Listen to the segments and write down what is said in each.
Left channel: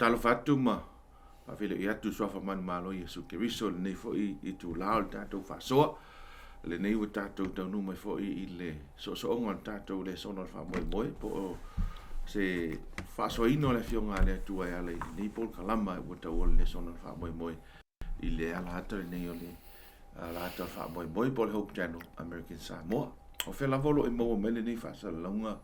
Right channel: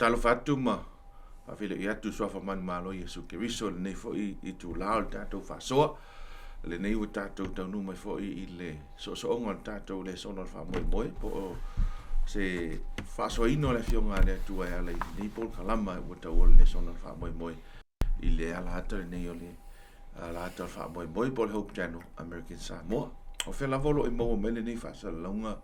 talo fatu ma fa fele ia tu so fa man malo Yesu Keriso le nei fo I tu lao tatou fa so le nei o tatou tau mai fo I le so onga tatou le sono fa moi po se fa so ino le fionga le tu ai ala I pol kalama o tau le sono fa moi I le ala ata le nei o le ala ata fa moi po le Hope Channel American Samoa o fe la volo I mo mele nei fa sa longa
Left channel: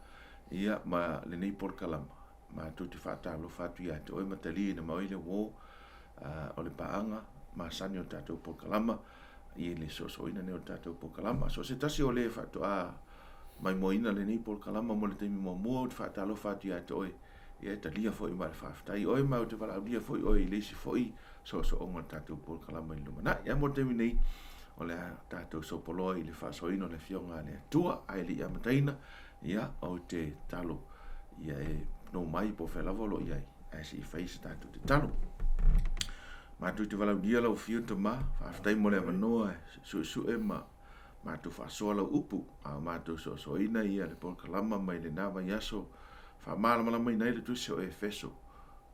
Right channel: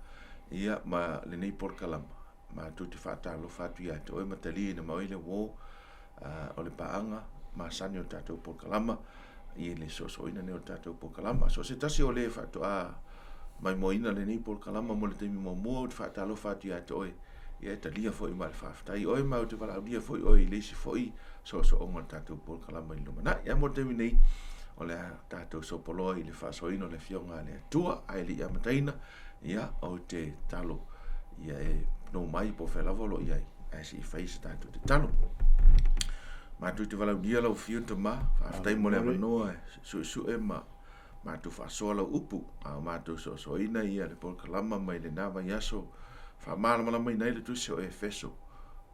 ia ma le nei pol kalama ma tu te fa talo fa tu ia to ma tali na mai le wo o le paanga ma sanio tatou pol kalama I le so ina ne o tatou pol kalama so se tasi o le fa to a mai moina le nei pol kalama mo le temi mo fa talo fa tu ia to ia talia foi mal fa tai oi ma te vala dia foi oi le si foi so o tatou pol kalama I lumana ia mo temi nei o le tatou so poloi le fa so ino le fionga le tua ai le ia mataina ia o te talo ia no mai po fe lavolo ia ai si face tatou te talo ma tu te vala dia lo fio to ma fa tai mo le no su ma tu fa so lo upu ma tu so ina ia le pol kalama mai le nava yaso fa mala mai nei le tu so feso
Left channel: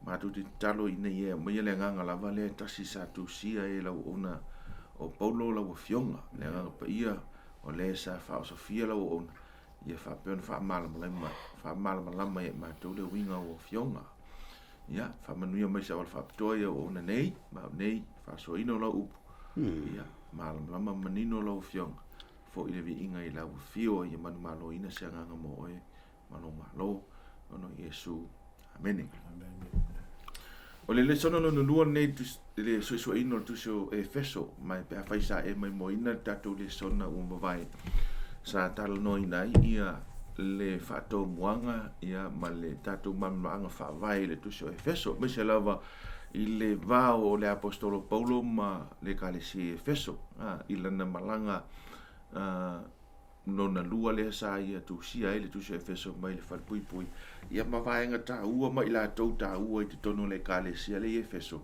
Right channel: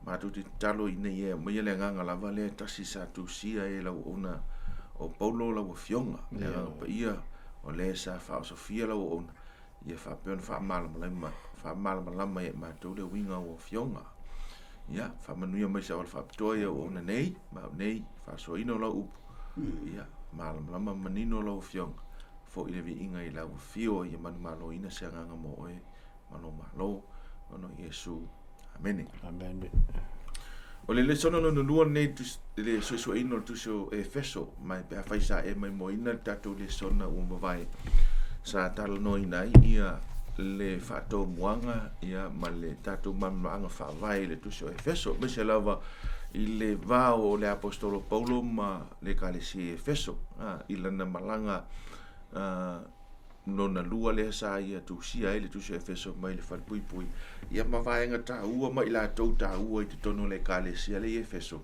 ma tu te talo ina ia mai le nganga lava le tasi sa tu sia e lo ona o paulo la o fionga le nganga pa ia o le sa fa so fia lo ona ia fa pen fa mala mai ma tu le winga o fionga ia fa manuia mai sa fa toia o na nei ma nei fa so ino lo upu ia mala manino lo fionga fo I le vi inga I la o fio ia malo ina se nganga mo e malo ono Yesu amen o le sono no lua nei tu le so ino tu so Efeso mai pe faisa e mai mo ina tatu le sona o vai sa talo no ina ia le fato muanga ia ma le tatu mamanga fa vai le tu so Efeso me se lava I le va o le apostolo Paulo ma le kalesi Efeso I lana malanga no na lua le sa ia tu sia ele tu se Efeso mai le falpui ia ma vaenga ta ua mai la tou ta ua I te tono le kalesi le Efeso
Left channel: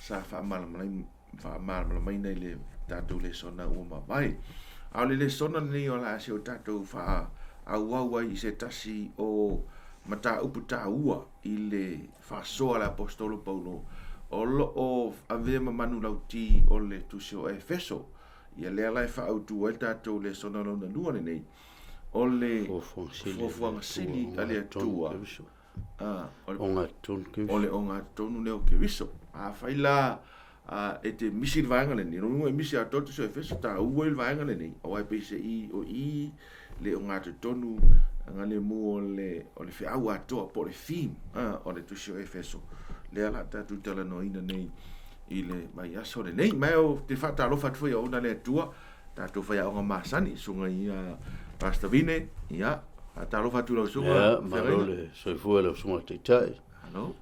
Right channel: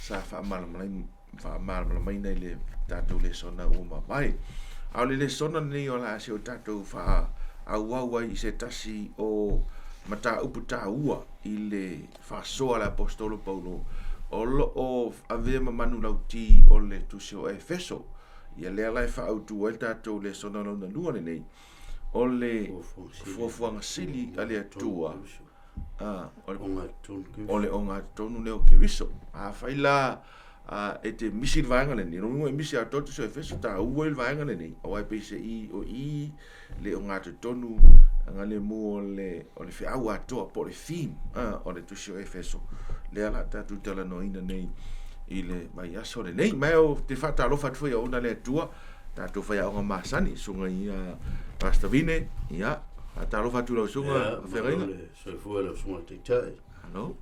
sa fa mal mai nei le tatou le sona ua ma vai au le sona nei o la se o tatou fa au I se tasi o mata upu ta ua I le fa soa le apostolo Paulo o ave manu lauti o le tu se o Efeso ia le ala fa Autu el tatou le sona no na lua nei o le fuafuaga sili ale Atua o le Ogatotonu le o Keriso faila e te misi le vaenga lenei no misi a toto so Efeso ta ua le vaenga lenei o ai pese I le Ogatotonu ngale mu o le feau atoa po le fim o le tusi o Efeso le ala tatou tala no ina nei I le mai aso le nei mai o te fata alofa tu ia ona le Atua tatou fai o masani sunga ia pastavine ia fata alofa tu lo sunga ferina le so fu le sunga te tai ano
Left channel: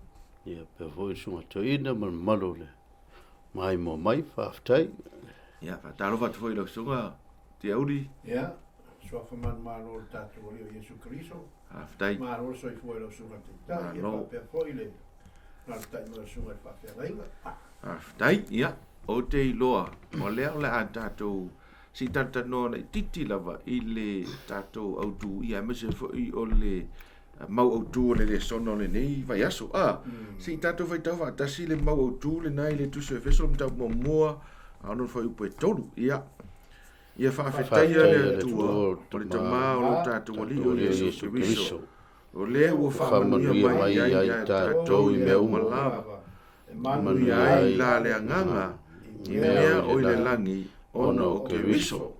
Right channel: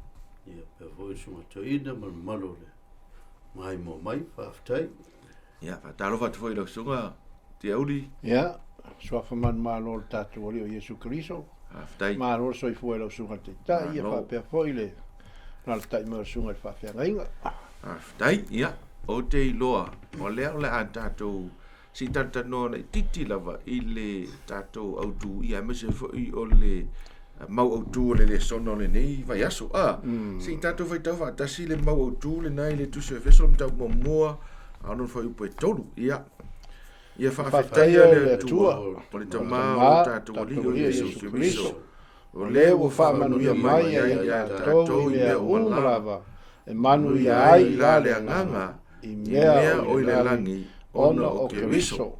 ia pe vo sunga to ina malo le mai mo mai faftai ia fata alofa tu lo sunga te auli ia so fa man malo tatou o Yesu Keriso aftai malo so fu le sunga te tai ia pa pe foi le na tai mo sunga fa ferina aftai ia o te loa o le a tatou si tata no na titi lava I le tatou Autu ia me se foi o le mau Autu le sono le nei vai aso si tatou vai tau tasi le mau Autu le nai le tu se Efeso mta mo ano foi po tolu ia fa fetaia le Atua o le tama o tatou li o Yesu Keriso o le o fa manuia mai ia tatou I le umala e manu ia ai la le anganga I mea o le langi ona o Keriso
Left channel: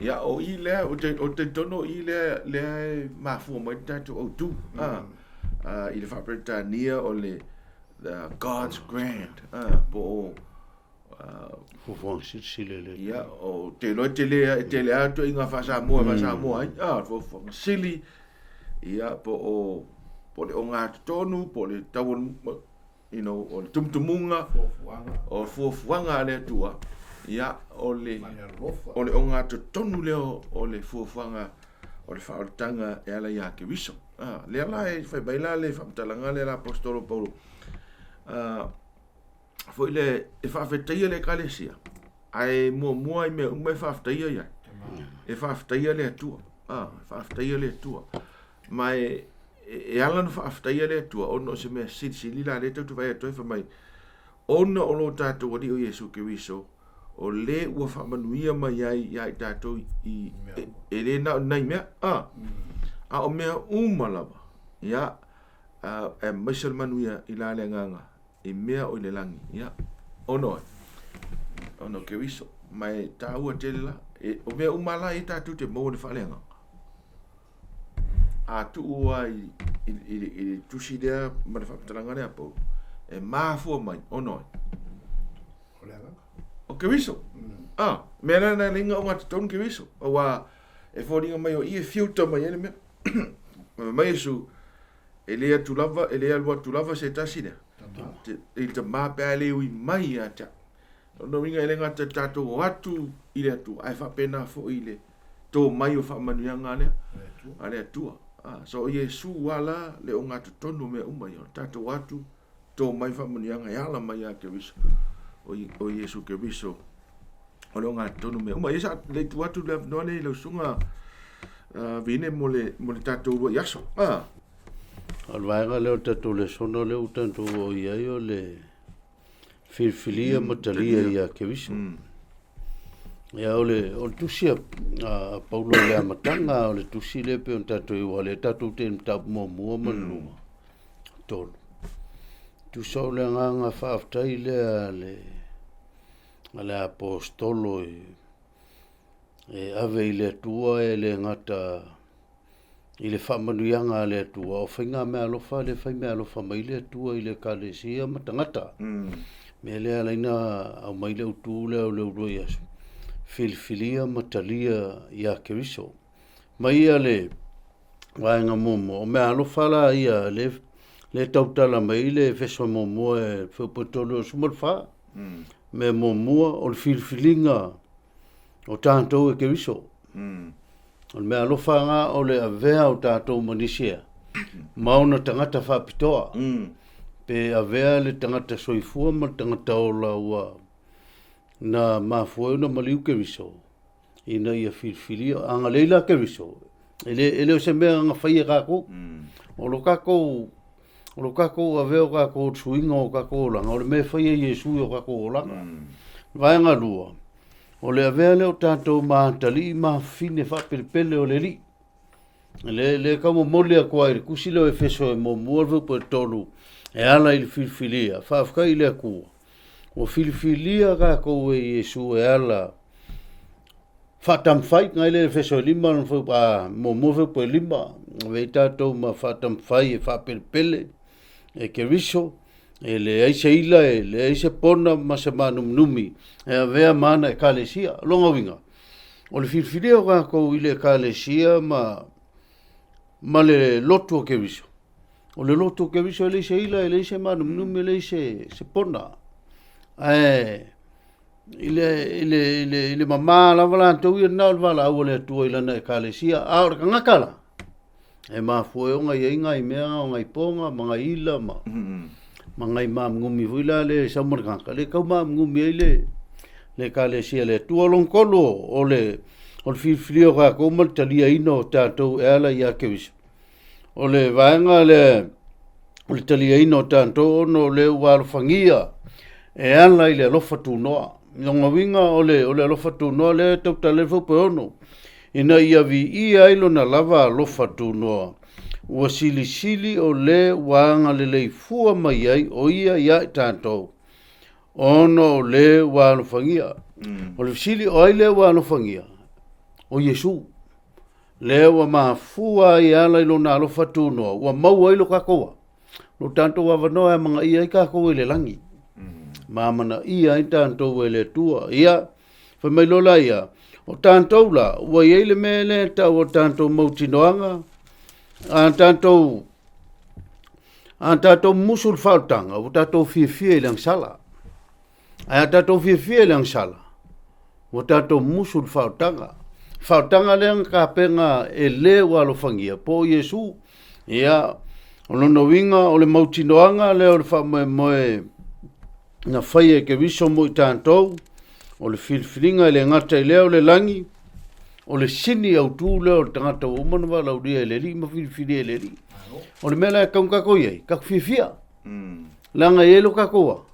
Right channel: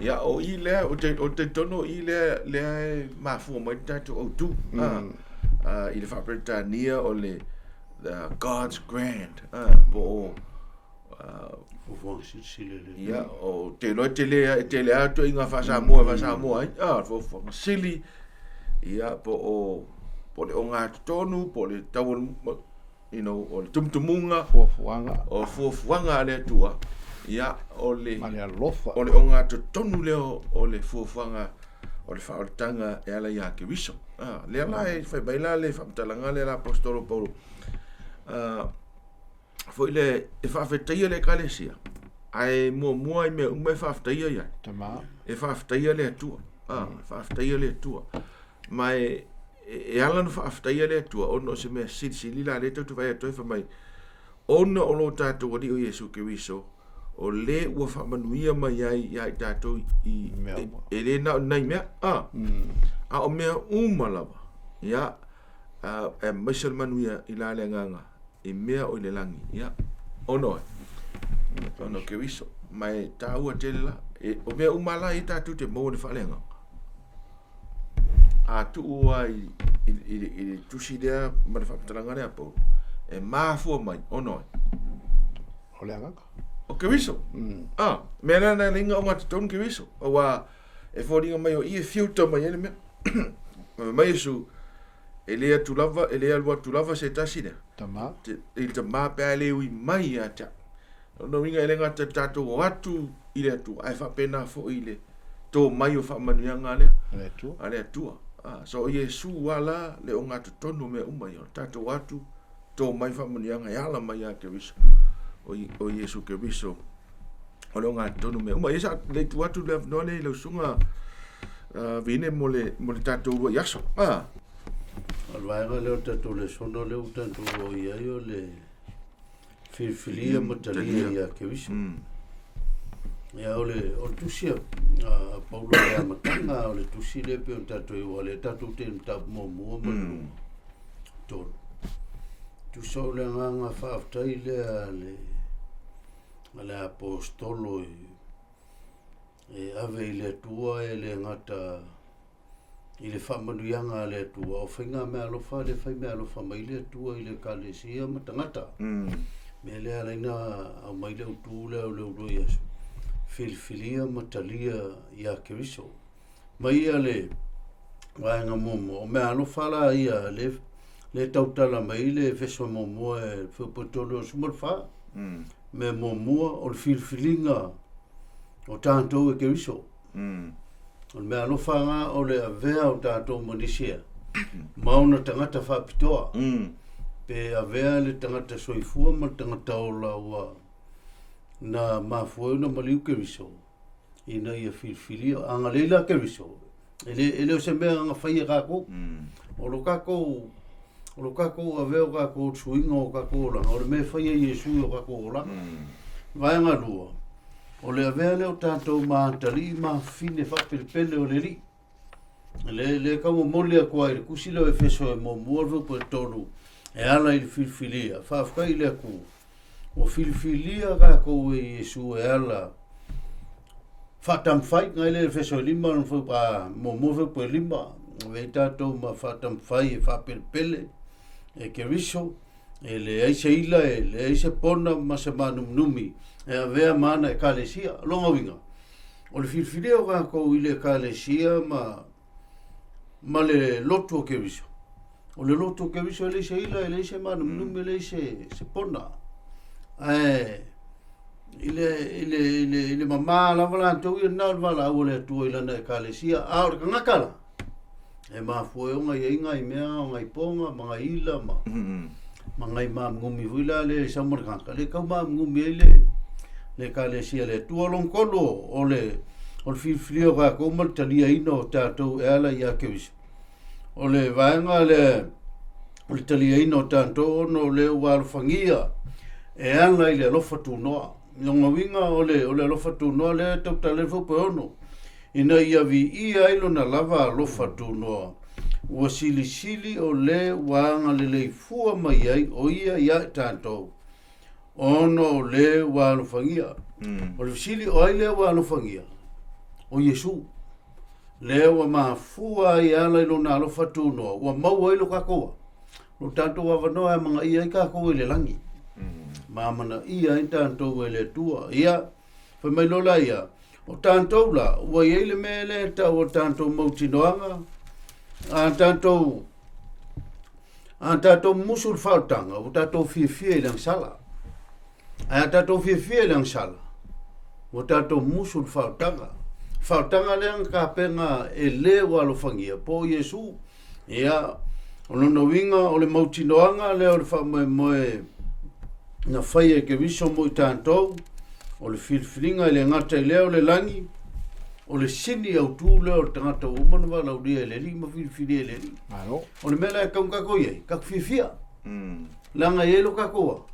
ia o I le o te tono I le mafu mai tatou Autu I le whapretania o le God's Grant po fuafuaga sili le ia o te loe te le ato inga fasamoa ai fuafuaga sili ia po le Ogatotonu po le tau o le tumutumunga o fuafuaga le Atua ia o le Ogatotonu leo o le fuafuaga o le whaotanga e ala ia Keriso le ala e whaibaila le whamatalaga le ala apostolo Paulo foi le e whawhetaia le kalesia ai mua I me whawhetaia ia e whawhetaia le Atua whawhetaia le Atua mai e ala no whaaftaia le atua ono se mea sili la le tau tu vai atoe whamai ono o lo tātou wadi o Yesu Keriso o le ua whamanuia mai ai tātou i e le na nei mea a o mea umalawa ia e maisal manuia i la le nganga i mea o le langi ia ono Keriso mai tāua tele la o mea umala i tātou te mou le whalenga Atua i tusi dea ma le whakatalanga lea pou e māfua mai ono O le anganga. o Keriso mea nana linga o Ogatotonu Keriso o wa e fōringa mai o i e fiuta mai ene mea mai esu e lea tulava e lea lua tulava se tasi dea Tama. i ta mapea leo i mai a ta no winga e lenga te tātou o atu i le atua ai whapena fo i le tō mai o whamanuianga lea Le tu. a le atua so Yesu wala le Ogatotonu me umai o tātou atu tō mai whamunianga e ala mai a Keriso o Yesu Keriso o le Ogatotonu me umai esa le tu atu le no le lausunga vine mo le tātou ua yaso Alvaega leo tātou Lesona leo tātou o iai o le whilwhilia matalia i a Keriso. Ia o le tusia a Paulo le amatanga o le tusi le pe on tātou i wale tātou te mtau mua malunga tonu. Tusa o le nganga whaaftai le apostolo e ave i le atua e le ngata i le whamanuianga le atua o whainga mea alofa le whai mea alofa mai le atua i le kalesia matangata. Me le alaina au mai le utu le au le uroi asu. Whilwhilia matalia ia Keriso. Mai ia le waenga momo. O mea alofa la ia le tautala mai le wheswa momo e whupotolo o sumalwha. Me momua o le whilwhilinga o tātou e Keriso. O le mea alofa ngā o le avea o tātou manisia. Mauna tangata whapitoa. Pe avea le tangata soifua ma tangata o laua na mafua na maliu Keriso. Ina ia whilwhilia anga leila Keriso. Ele o se mea anga whaia kako. O lo kako avea o kako tuinga o kako langa. O le mea whaia Yesu o kako langa. Vaenga lua. O le avea leo tātou mātali mawhine whapelpele o le li. Le kamo mole a kua i kusi leo e wheso e mo muarvu po e tolu. E ala i le whilwhilia. Whawhaka i le akua. O whilwhilia ka kou e Yesu e ala. Whatamwhai ngai le wheso e lima. Mo muarvu po e lima. Wei tātou ma whatamwhai e whapelpele. E Keriso. E le aise ila e le aise pona masa manumnumi e avea mana e kalesia longa winga o le whilwhilia o kako i le kalesia ma le lotu o Keriso o le lotu o Keriso e le aise ila e le aise manumnumi e le aise se pona i le mama lava lantou ia nao le vala au o le atua ilana e kalesia a o le kangakala e mafue o ngai inga i mea o ngai ponga mga ila mangai mam ngumi vila le samarkanka le kau mam ngumi le kalesia le tuolong kolo o le filfilio ka ko mal talia ino tātou e ala ia Keriso o le vaenga le talia ino tātou no le walfangia e ala i le alofa tunoa nonga winga o le alofa tunoa le tau tale fupe ono ina ia vi ia ilo na lava alofa tunoa ua sili o le wanga le leifua mai ai o ia tātou. Ono o le wanofangia. O le sili o ai le wanofangia. O Yesu. Le wa mafua i ala ilo na alofa tunoa. Ua maua ilo kakoa. No tātou wawanoa mga ia i kakoa i le langi. Mamana ia i tātou e le tua. Ia, whamailola ia. O tātou la, ua i le mele tau o tātou mautinoanga. An tātou musul whautanga, o tātou whiawhia i lang sala. An tātou whiawhia i lang sala. O tātou musul whautanga. Whautanga leang ka penga e le walofangia. Po Yesu, ia, o lono winga o le mautinoanga, leo le whamoe na whaia Keriso mo i tātou, o le whilwhilinga i le ngata i leo le langi, o le sini Autu le o tangata o mana wala o lia le li ma fili le li o le mela ka kako ye ka fifia langa yelo kako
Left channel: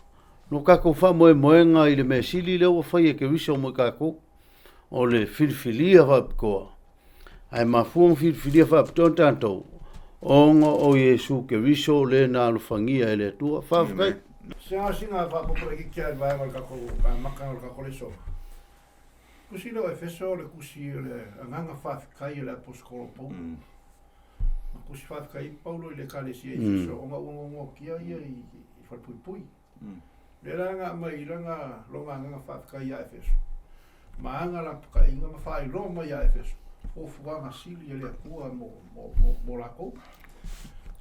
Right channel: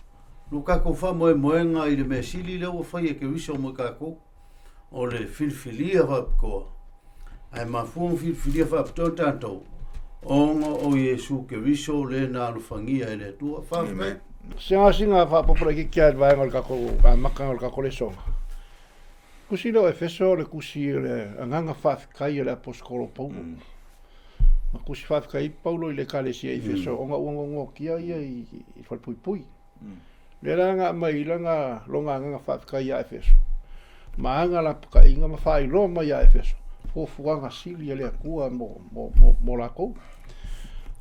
no kako fa moenga i le mesili le o fa ye Keriso mo kako o le filia fa ko ai ma fu filia fa tanto o Yesu Keriso le na lo fangia le tua fa singa fa popula ki kia vai ngol kako ka maka ngol kako le so kusi lo efeso le kusi le nganga fa kai le apostolo Paulo ma kusi fa kai Paulo le kalesia efeso onga kia i fa pui le langa mai langa longa nganga fa kai ya efeso ma anga la ka inga ma fa i lo ma ya efeso Fuafuaga sili le kua mo la ko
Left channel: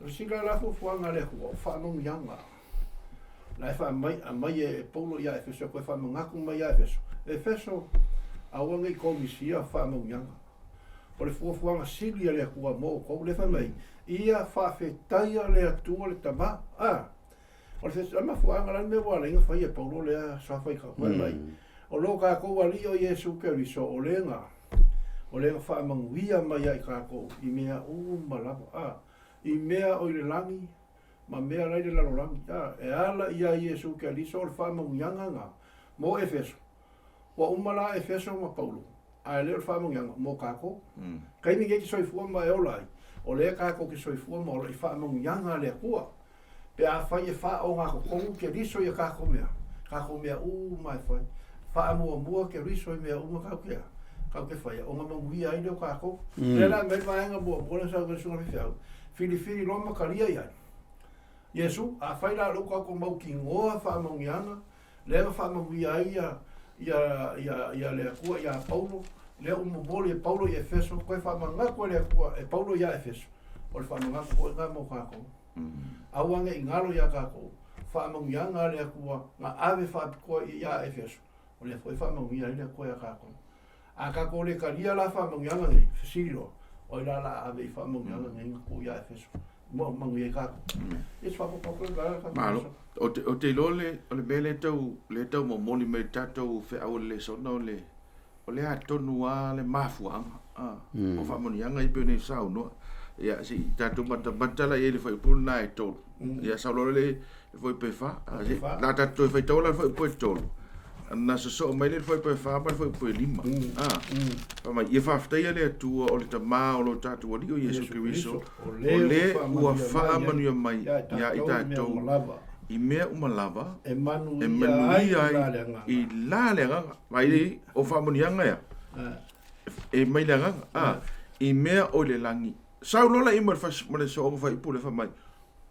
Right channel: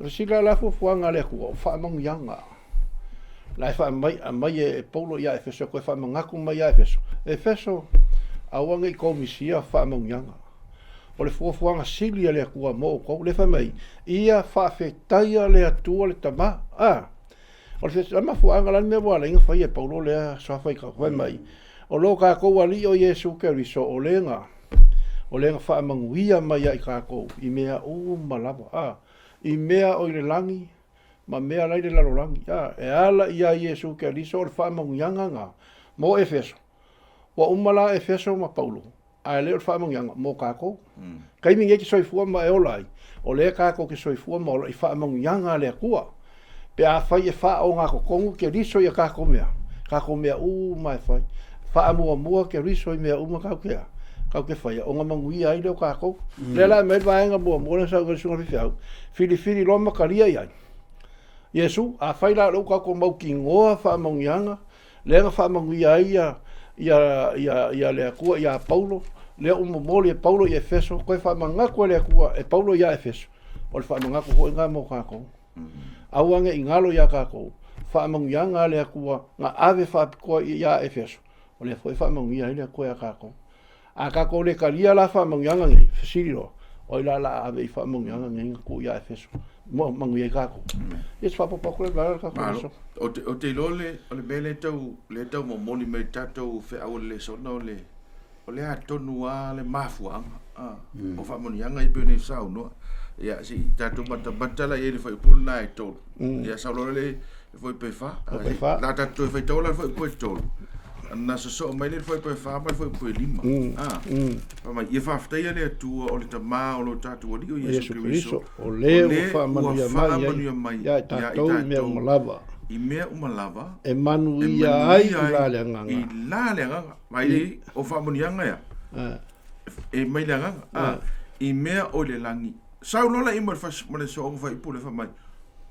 sila la Fuafuaga le kua fa mo yanga la fa mai e Paulo ya efeso ko fa mo ngaku mai ya efeso awanga i komisia fa mo yanga o le Fuafuaga sili le kua mo ko le fa mai ia fa fetaia le atua le tama o le sama fuanga la me wala inga fa e Paulo le sa fa ka mai o lo ka ko wali o Yesu Keriso o lenga fa manguia mai ai kako i mea malava i mea o le langi ma mea lai le lalolangi e ala ia Yesu Keriso o fa manguianga nga mo Efeso wa umala Efeso ma Paulo a le o fa manguianga mo kako kai mingi ki soifua ma e olai o le kako ki soifua ma o i fa manguianga le kua pe a fai e fa o nga ko kongu Keriso ia kako mea mai fai fa mua Keriso i mea ma kako kau ke fai o nga mangui ai leo kako le la me vai nga mo sa ko sunga fiau fili lo makaria ia Yesu a fai la lo kako mau ki ngoa fa mangianga le nga fa mangui ai ia le ku ia Paulo le mo le Paulo ia Efeso ko fa manga ko le ku e Paulo ia Efeso o fa manga ko nga mo kako awanga ingalo ia kako fa mangianga le ku nga ave fa ko ia Efeso o le foi fa mangia ia ko ia kako a ka ko le karia la fa mangianga ngi fisilo o la ave fa mangianga ngi ko ya Efeso mo mangi ka ko es fa po ko le ka ko o te lole o le bele tau mo moni me tato fe au le sono le o le atonu a le mafuanga o fa mangianga i pene sau no ya si tato mata la ele foi pul na e to ya sa le foi pe fa la tato foi to la foi po to na so mai le foi pe fa ma foi po lima pa mai e fa ftai le tu o le tama o lo tatu o Yesu Keriso o le fa manu mai ya ita malava i mea umalava e manu ia ai i la le nga mai o fa manu yanga ya e mai le nga i mea o le langi sau lola i mo le so fa i pule fa mai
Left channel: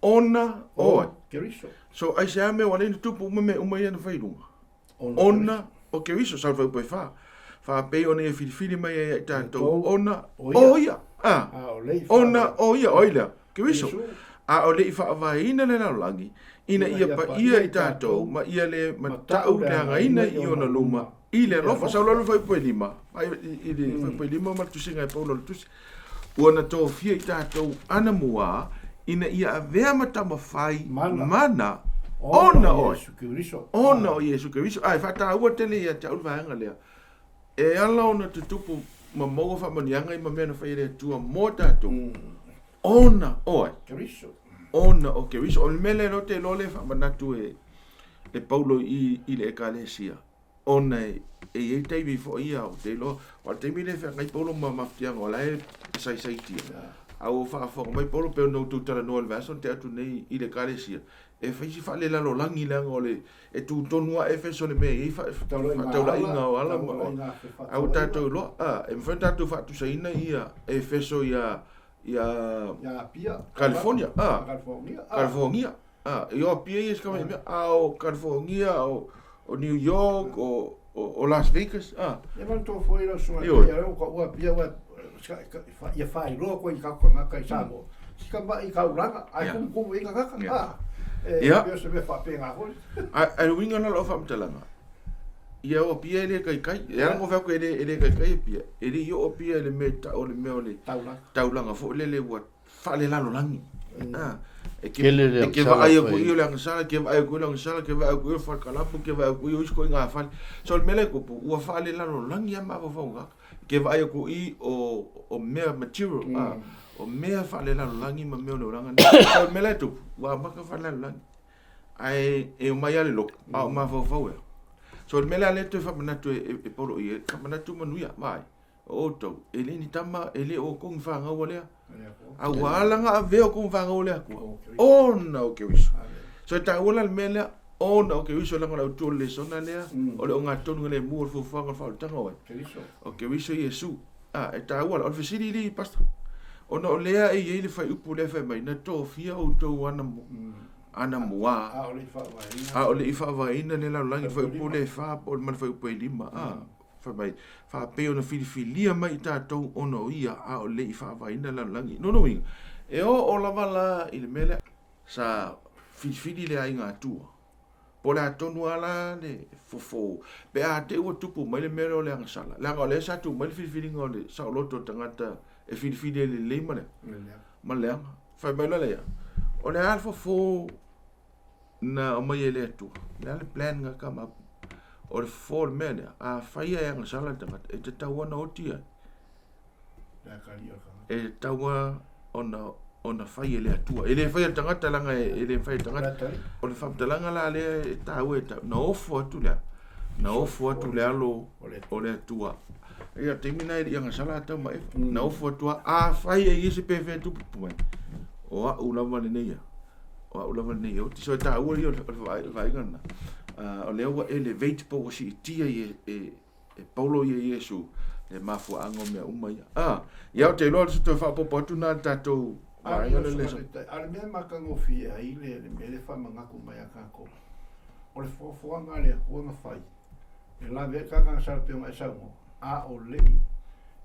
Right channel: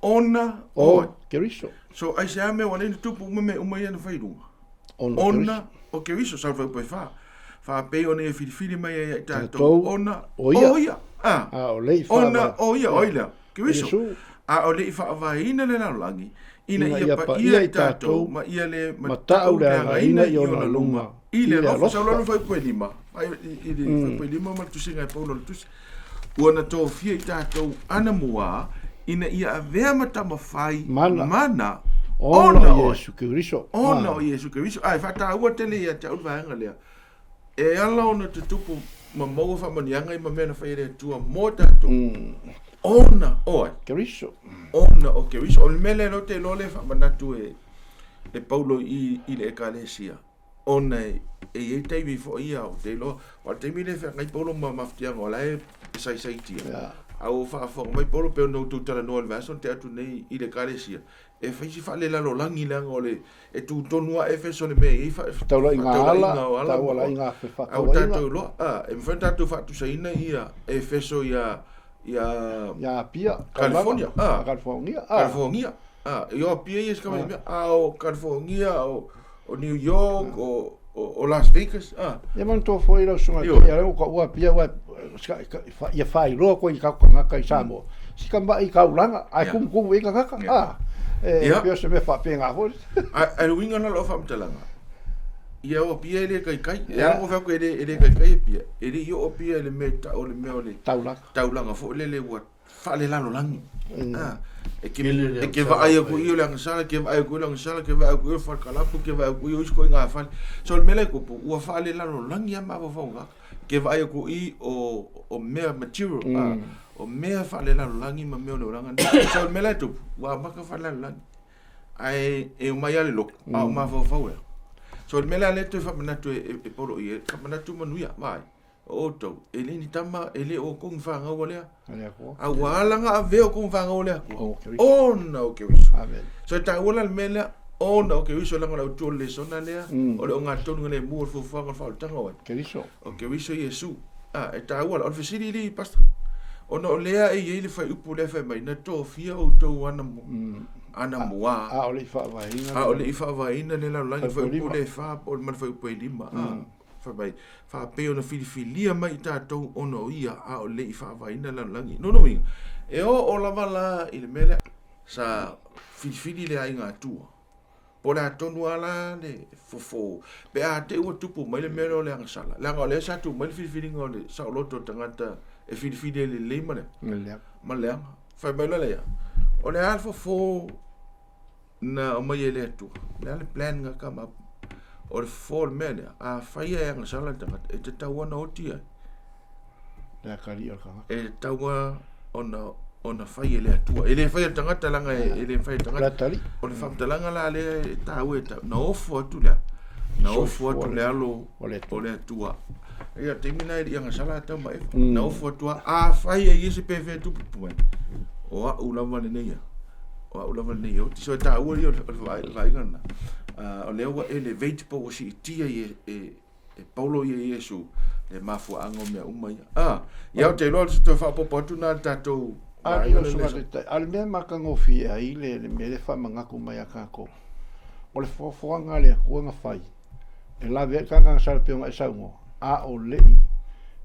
ona o Keriso so ai se ame wale ni tupu me umai ana fa irunga ona o Keriso salva o fa pe ona e fili mai e tato ona oia o le ona oia Keriso a o le fa vaina le langi ina ia pa ia i tato ma ia le matau le ngaina i ona luma i le rofa sa lolo fa po lima ai i le fa lima ma tu singa po lo tu ona to fia i tato ana mua ina ia avea mata mafai mana ona o Yesu Keriso ona o Yesu Keriso ai fa ta ua tele ia ta uva nga le e ala ona te tupu ma mo fa manianga i ma mena fa ile tua mota to ona o Keriso ona o Keriso o mele no te lole fa manatu e Paulo i le ekalesia ona e te vi fo ia o te lo o te mi le fa ngai Paulo ma maftia ngola e sai tia au fa mai Paulo pe no tu tala no verso te atu nei i le ekalesia e fai fa le la lo langi la ngole e tu tonua Efeso le me i fa taula ala au tato lo e fa tato fa tu saina ia Efeso ia pia California California io pia is kama au California o New York o Las Vegas e man to foi lo suma ia o pia wa ia fai lo ko i ka ka samo si ka mai ka ulanga ai kum i ka pia se me fa penga ho ai winga na lo fa mtalanga ia o pia ele kai ia o fa ko ele kai pia ele io o pia le meta o le me o le taulanga fo le wa fa le lalo langi e ke va ai ko io lang sala ke vai ko lang sala ke vai ko fa kala pu ke vai ko io ko nga fa so le mele ko wa fa le lalo langi ma va fa ke vai ko I o mea material o mea whale langi ma mea no ranga so mea tu wa maka whale langi ai e mai ale loko a ma fo so mea le tu whamana tu e poro I whamana tu manuia vai o to ele ni tama ele o kong whanga o lea a walanga a veo kong whanga o lea o no ke wiso so ta wala mea o no ke wiso langa o tu Lesona lea o le o Ogatotonu le mua Fuafuaga whautanga o Keriso o ke wiso Yesu e ta wala o fesiri li pasta o no lea e le fai upu le fai mai na to fia o to ana mua a ole whaavaina a ole I whaavaina le laulangi fai upu le wha o man fai upu e lima fai mai wha peo na filifilia mai I tātou ono ia a ole I whaavaina laulangi no inga e o lava la I le mele sa filifili le ai ngā tua po le atonu ala le fofo pe a te ua tupu mai le mele o le angasala le anga o le sa tu mai le filifili ngā o le sa o loto tangata e filifili le leima le ma le anga fai mai la lea o le alfa fo na o mai ele atu le ale plan nga kama o le fo le mele a fai e angasala tangata e te taua na otia le kari o kanga e taua ona fai ele atua ele fai tangata langa ele fai tangata o le famtalanga la le tau e na ofo atu le alo o le atua ia temina I anga sala ta mai na ofo atua a fai e isi pv tu pu o a ulava le nei o ti so ta o vai gana o le o elevate po si tia e Paulo ye Yesu le mafuanga me umai ia te lo to fa po tu na tato ale mea makangofi ai le mele whamangaku mai a kako. O le fuafuaga le akuanga whai. E la vea kakanga sarpeonga e saungo. A o lei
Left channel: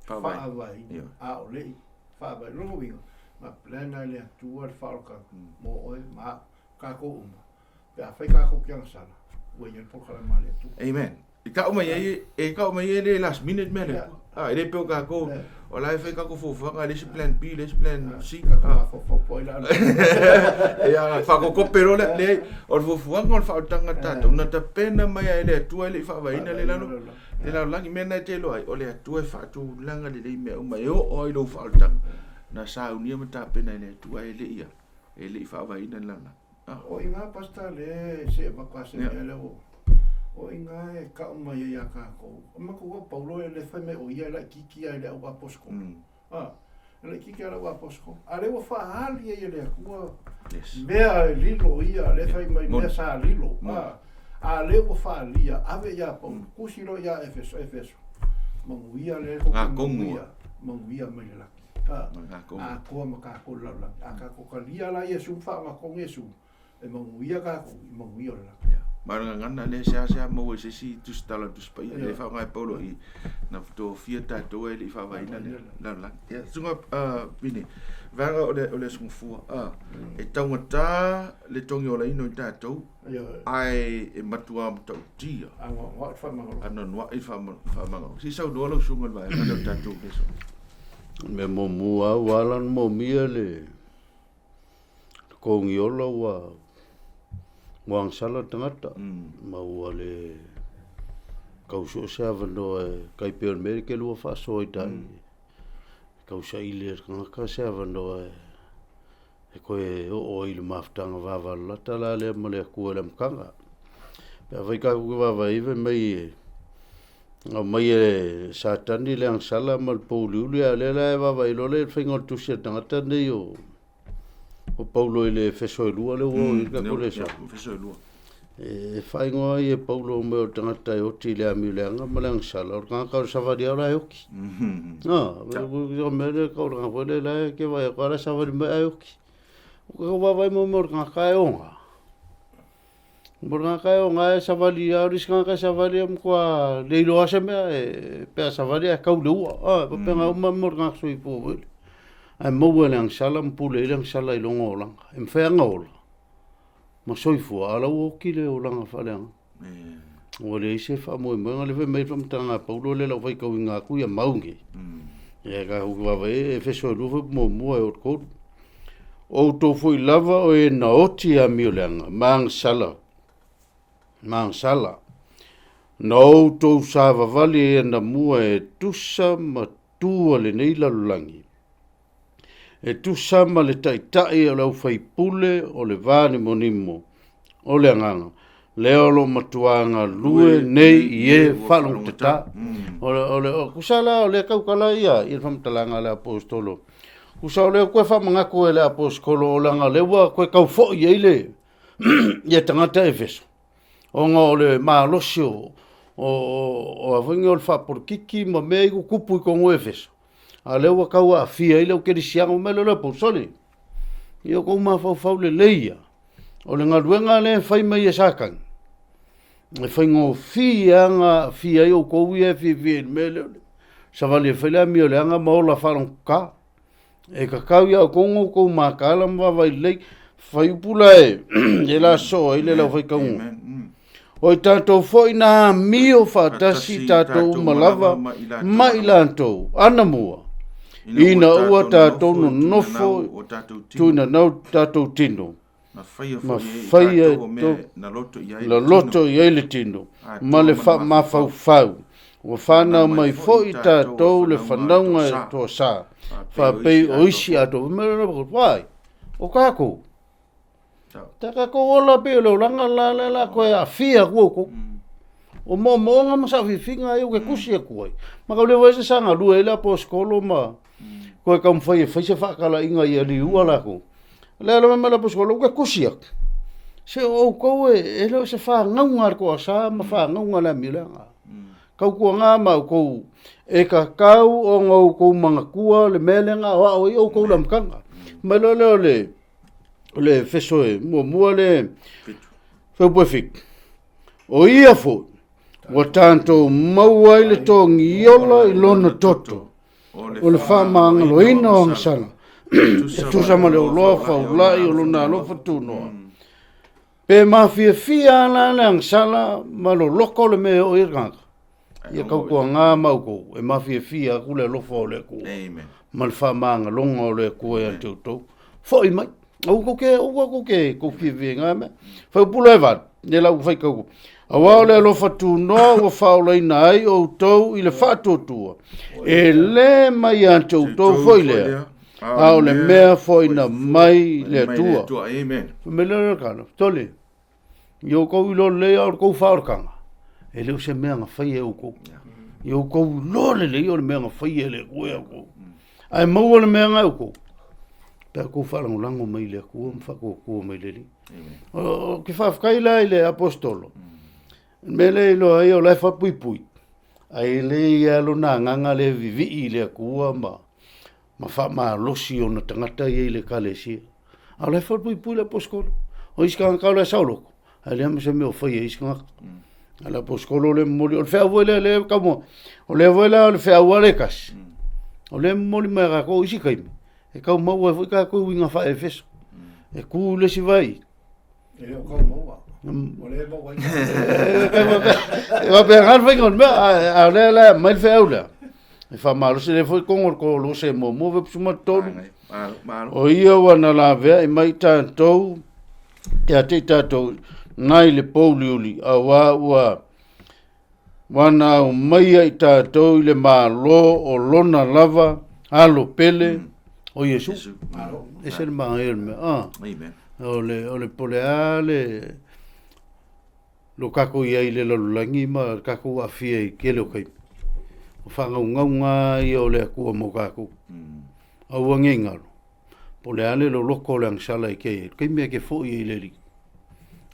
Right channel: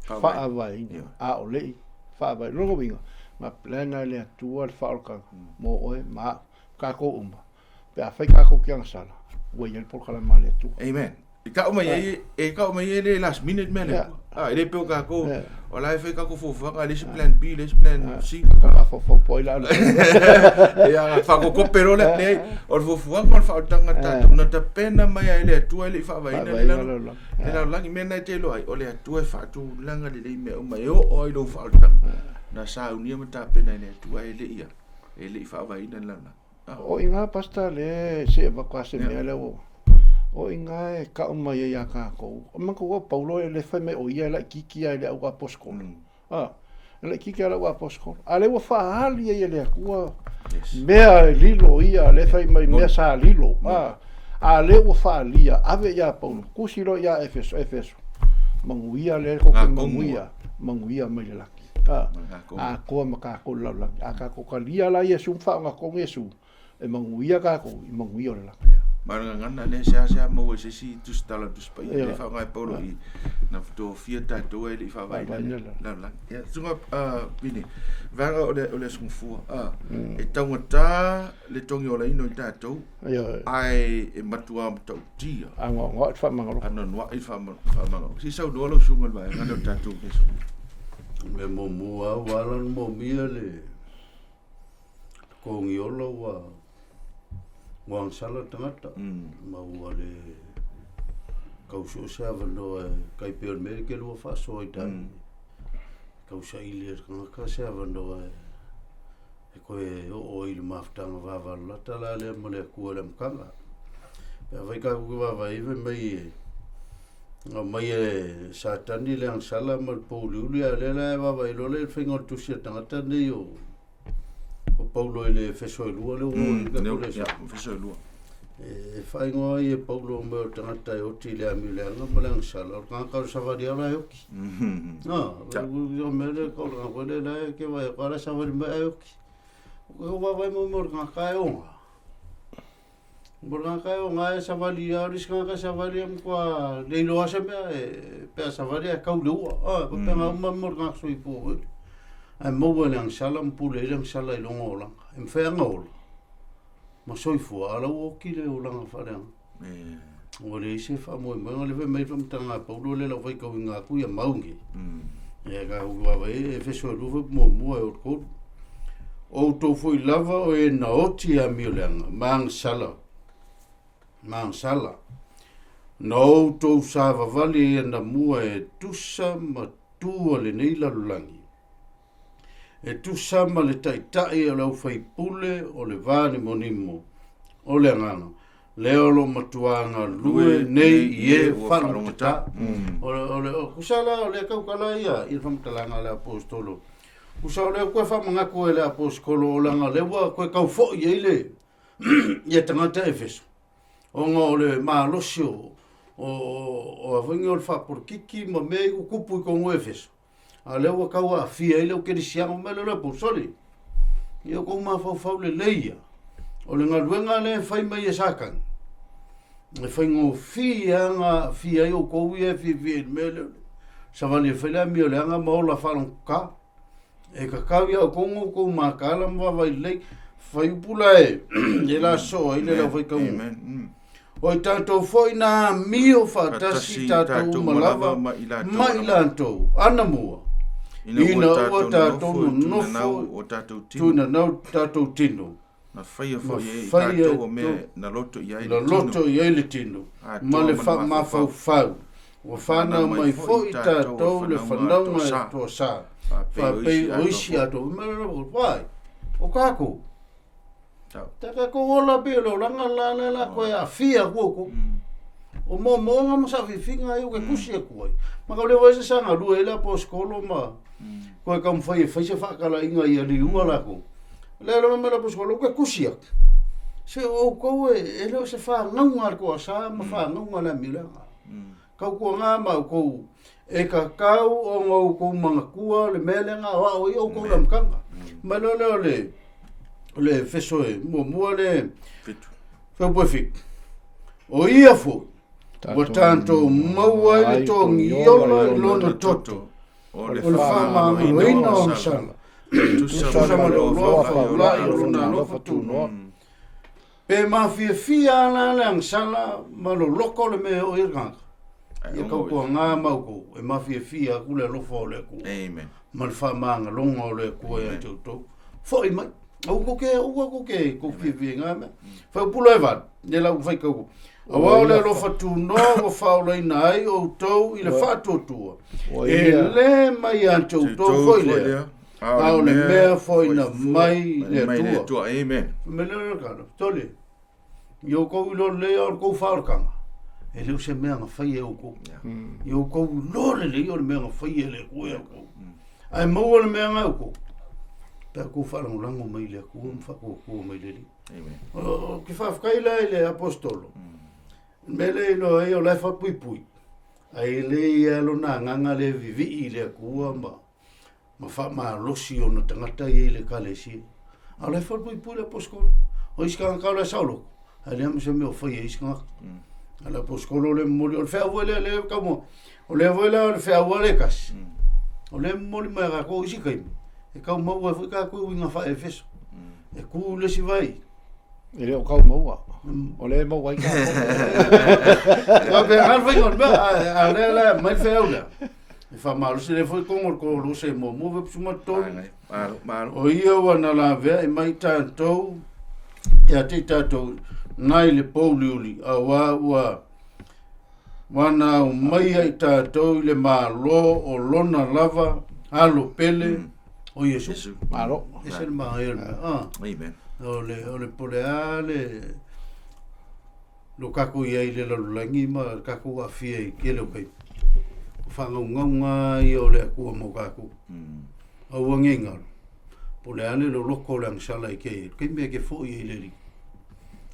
whaavaina. A o lei whaavaina. Rongo winga. Ma plena le atua le whaolkanga. Mo oe ma kako uma. Pe a whai kako kianga sala. Ua iel polkala ma le atua. Amen. E ka o mai le last minute mele. Ele peo kako. O lai fai kako fuafuaga le plan B, le plan C. Fo poila. Ia fa ko pero le o fuafuaga o fautanga tata. Una ta pena mai ele atua le whaavaina le lalo. Le lalo langi mena te lo ai o le atua fa tu langa le me o mai o i lo fautanga. Na sa unia mata pena ele atua ele ia. Ele whaavaina lana. O inga pasta le se evacuase mele o. O inga e ka o mai ia kako. O manko wa Paulo le fai me o ia la kiki ai le au aposko. Le kiki ala au aposko. Ale wa fa ali ia le akua. Mea lilo ia le fai mai mea sa lilo. Ale wa fa ali ave ia Paulo. Kusilo ia Efeso. Manguia le ko manguia mai le laki. Ko makako la la. Akako kalia la Yesu fa nga ko Yesu. E manguia kako, manguia le laki. Maranga ngana le se mo se si tu stala tu spai le fa ngai Paulo I na to fia tato e le fa vai la ya sunga bini vanga o le sungfu e tangata le tongi o le ino tato ai e matua to dia ngo fa mangalo ana no I fa mangalo si sa do lo sunga vai ngana tato leso me mo mua walan mo mia le kongi ola wa wang sala tangata mau le kauso sa vando kai pe me ke lo fa so ita kausa ile ka sa vando e ko o il maftanga va va la tala le mo le ku le mkanga pe vai ka ku va vai ve mai mai satani le ang sala mal polu le le va vai lo le fingo tu se tangata ne yo o Paulo ele feso lua le o ka kolesa feso lua e fai ngoa e Paulo me o tangata e oti le amileanga malang sala o ka savadi ala yoki o me le ka o ka le la ke vai ka savadi me yoki o ka vai mo ka onga Borga ka onga e savadi a riska ka savadi am kwa le lo ase me pe savadi ka lua pe nga mo ka sui po ai mo ang salam pule lang sala ilongo lang em fe ngol mo soifu ala o kile o lang fa lang o le se fa mo le ve me fam tanga Paulo le la vai ka winga ku ya maungi e ka u va ve fe so lu mo o ko o to foi lava o e na oti a mi lang mang sala No tau sa vavali e na mua e tusa ma tua le nei lalulangi. E tusa ma le taitai o lau fai pule o le vane monimo o le anganga. Leo lo matuanga lue nei ie whalung te ta. O kusala o le kaukala ia i whamtalanga le apostolo. Kusa o le koe whamangako e le apostolo o langa lewa koe kau fo i eile. Ia tangata e feso. O ngā o le maalosio o awangi o le whapurkiki ma mea iku kupu i kongo e feso. A lewa kaua a fia i leo kerisiango me le apostoli. Ia kou mawhau le leia. O le ngaruenga le whai mai e sakang. E whai ngō fia i o kou i e fia me le. Sa wali e whailea mi o le anga maola wharong ka. E kakau ia o kongo kou makala mwawai lei. Whai upula e. E la soa i le lau whai kaunga. O i tātou fwoi nā mio whātasi tātou umalava ma i lātou. Ana mua. Ina ua tātou no nofo. Tuina nau tātou tino. Ma whaia na loto i eile tino. Ma le mawhau. O whanau mai fwoi tātou le whanaunga e toa sā. Whapei oisi ato. Wai, o kako. Taka ko ola pe lo langa la koe a fia kuoko. O mo nga masa fifinga e o ke kusi e kuai. Ma ka le wese sanga lua e la po skolo ma. Koe kam fai se whakala inga i ali ua lako. Le alo me la po skolo ke kusi ak. Se o koe e leo se wha ngaunga ko a sa ma wha ngaunga la milanga. Kau kua ngā mau kou e ka kau o ngau kou mga kua le melenga o i o kou lamkanga. Ma leo le feso e mua le whaupoe fik. O ia fo, wa tanto maua i le tongi iola i lona toto. O le whamanga lo ina o ngasanga. Tusa ma le uloa whaulai o lona alofa tuno. Pe mawhia ala le angsala ma lo loko le mea o irganga. Ia kau kua ngā mau kou, e mawhia kule alofa o le kua. Ma le whamanga longa o le kua e anteutou. Fo i mai. Au ko ke ko fifi nga me fa pula va ne la fa ko awa le lo fatu no o fa o le nai o to i le fatu tu e le mai anto to foi le a le me foi na mai le tu amen me le kana tole yo ko lo le o ko fa o kanga e le se me nga fa e o ko yo ko lo le o me nga fa e le ko ai mo le me nga o ko pe ko falang lango mai le ko ko mai le o ke fa kaila ile apostolo me le lo ai o le fa pui ai le ia lo na nganga le vivi ile ko ma fa ma losi o na tangata ile kalesi a le fa pui le apostolo o iska ka le saulo ai le me se me o fa iska ala apostolo le moli o fa voile le como o le voila o fa voile kas o le moli ma ga ko isi kai e kau maua foi ka ko winga fa e feso e ku le si vai e le o kau maua o le maua va pe har foi ngon a le mai fe aula e fa malo se le foi con ko lo se mo ve suma to o ia wana la ve e mai tanto te ate tato nai le poliuli a wa wana o mai ai tato le malo o lona lava alo pele o Yesu, alo, ese el mael me, amen. O le poleale, lo kako ia le lalulangi ma kako afia i kele o kai. O whanga ungaunga i o le akua mo kako. Au angengaro. Poleale lo loko le angsala i kei, kai mea ke fo i le li.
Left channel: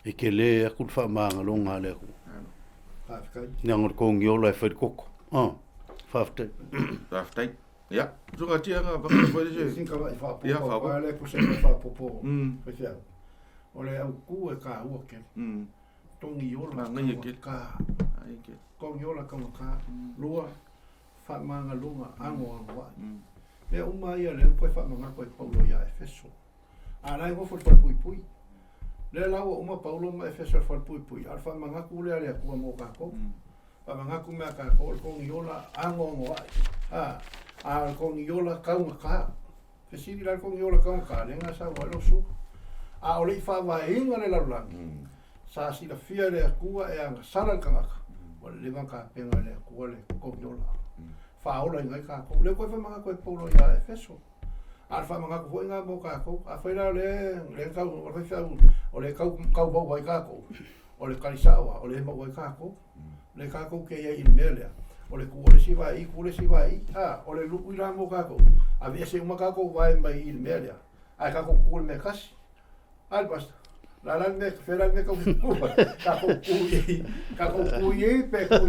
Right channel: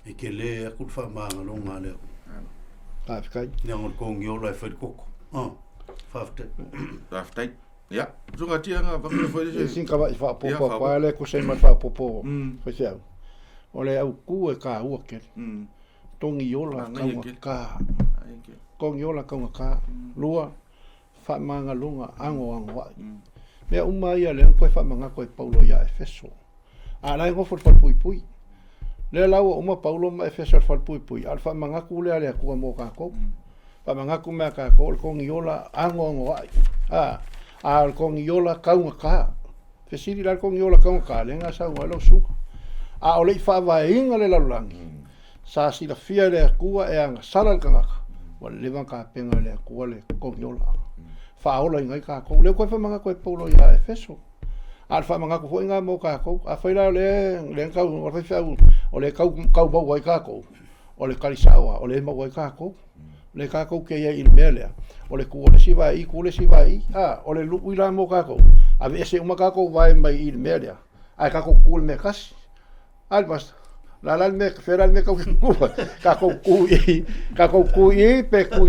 E ke le akul wha maanga longa le aku. Whafkai. Neangor kongi ola e whaikoko. Whaftai. Whaftai. Ja, zunga tianga wakana foi se sinka vai fa popo pa le ko se ma fa popo fa se o le au ku e ka u ke tongi ola ka kongi ola ka lua fa manga lunga ango wa me uma ia le ko fa manga ko paulo ia e feso a la ngo for pui le la uma paulo ma e feso for pui al fa manga ku le ale ku mo ka ko fa manga ku me ka ko kongi ola ango wa al con iola kaunga ka. Fesiri la con iola kaunga ka, lenga sa walo su. A ole fa va inga le lalangi. Sa si la fia le kua e anga sala kanga. wa le van ka penga le ko le ko yola fa ola ngai ka ko le ko fa manga ko paulo ya efeso al fa manga ko inga mo ka ko a fa le ka o fa o le ka ba wa ka ko o le kalisawa o le ma wa ka ko le ka ko ke ia il mele o le ku le siva I ku le siva I o le lu ila mo ka ko a ve se uma ka ko vai mai il mele ai ka ko ku me kas al basta la me fera me ka ku ka ku I pe ku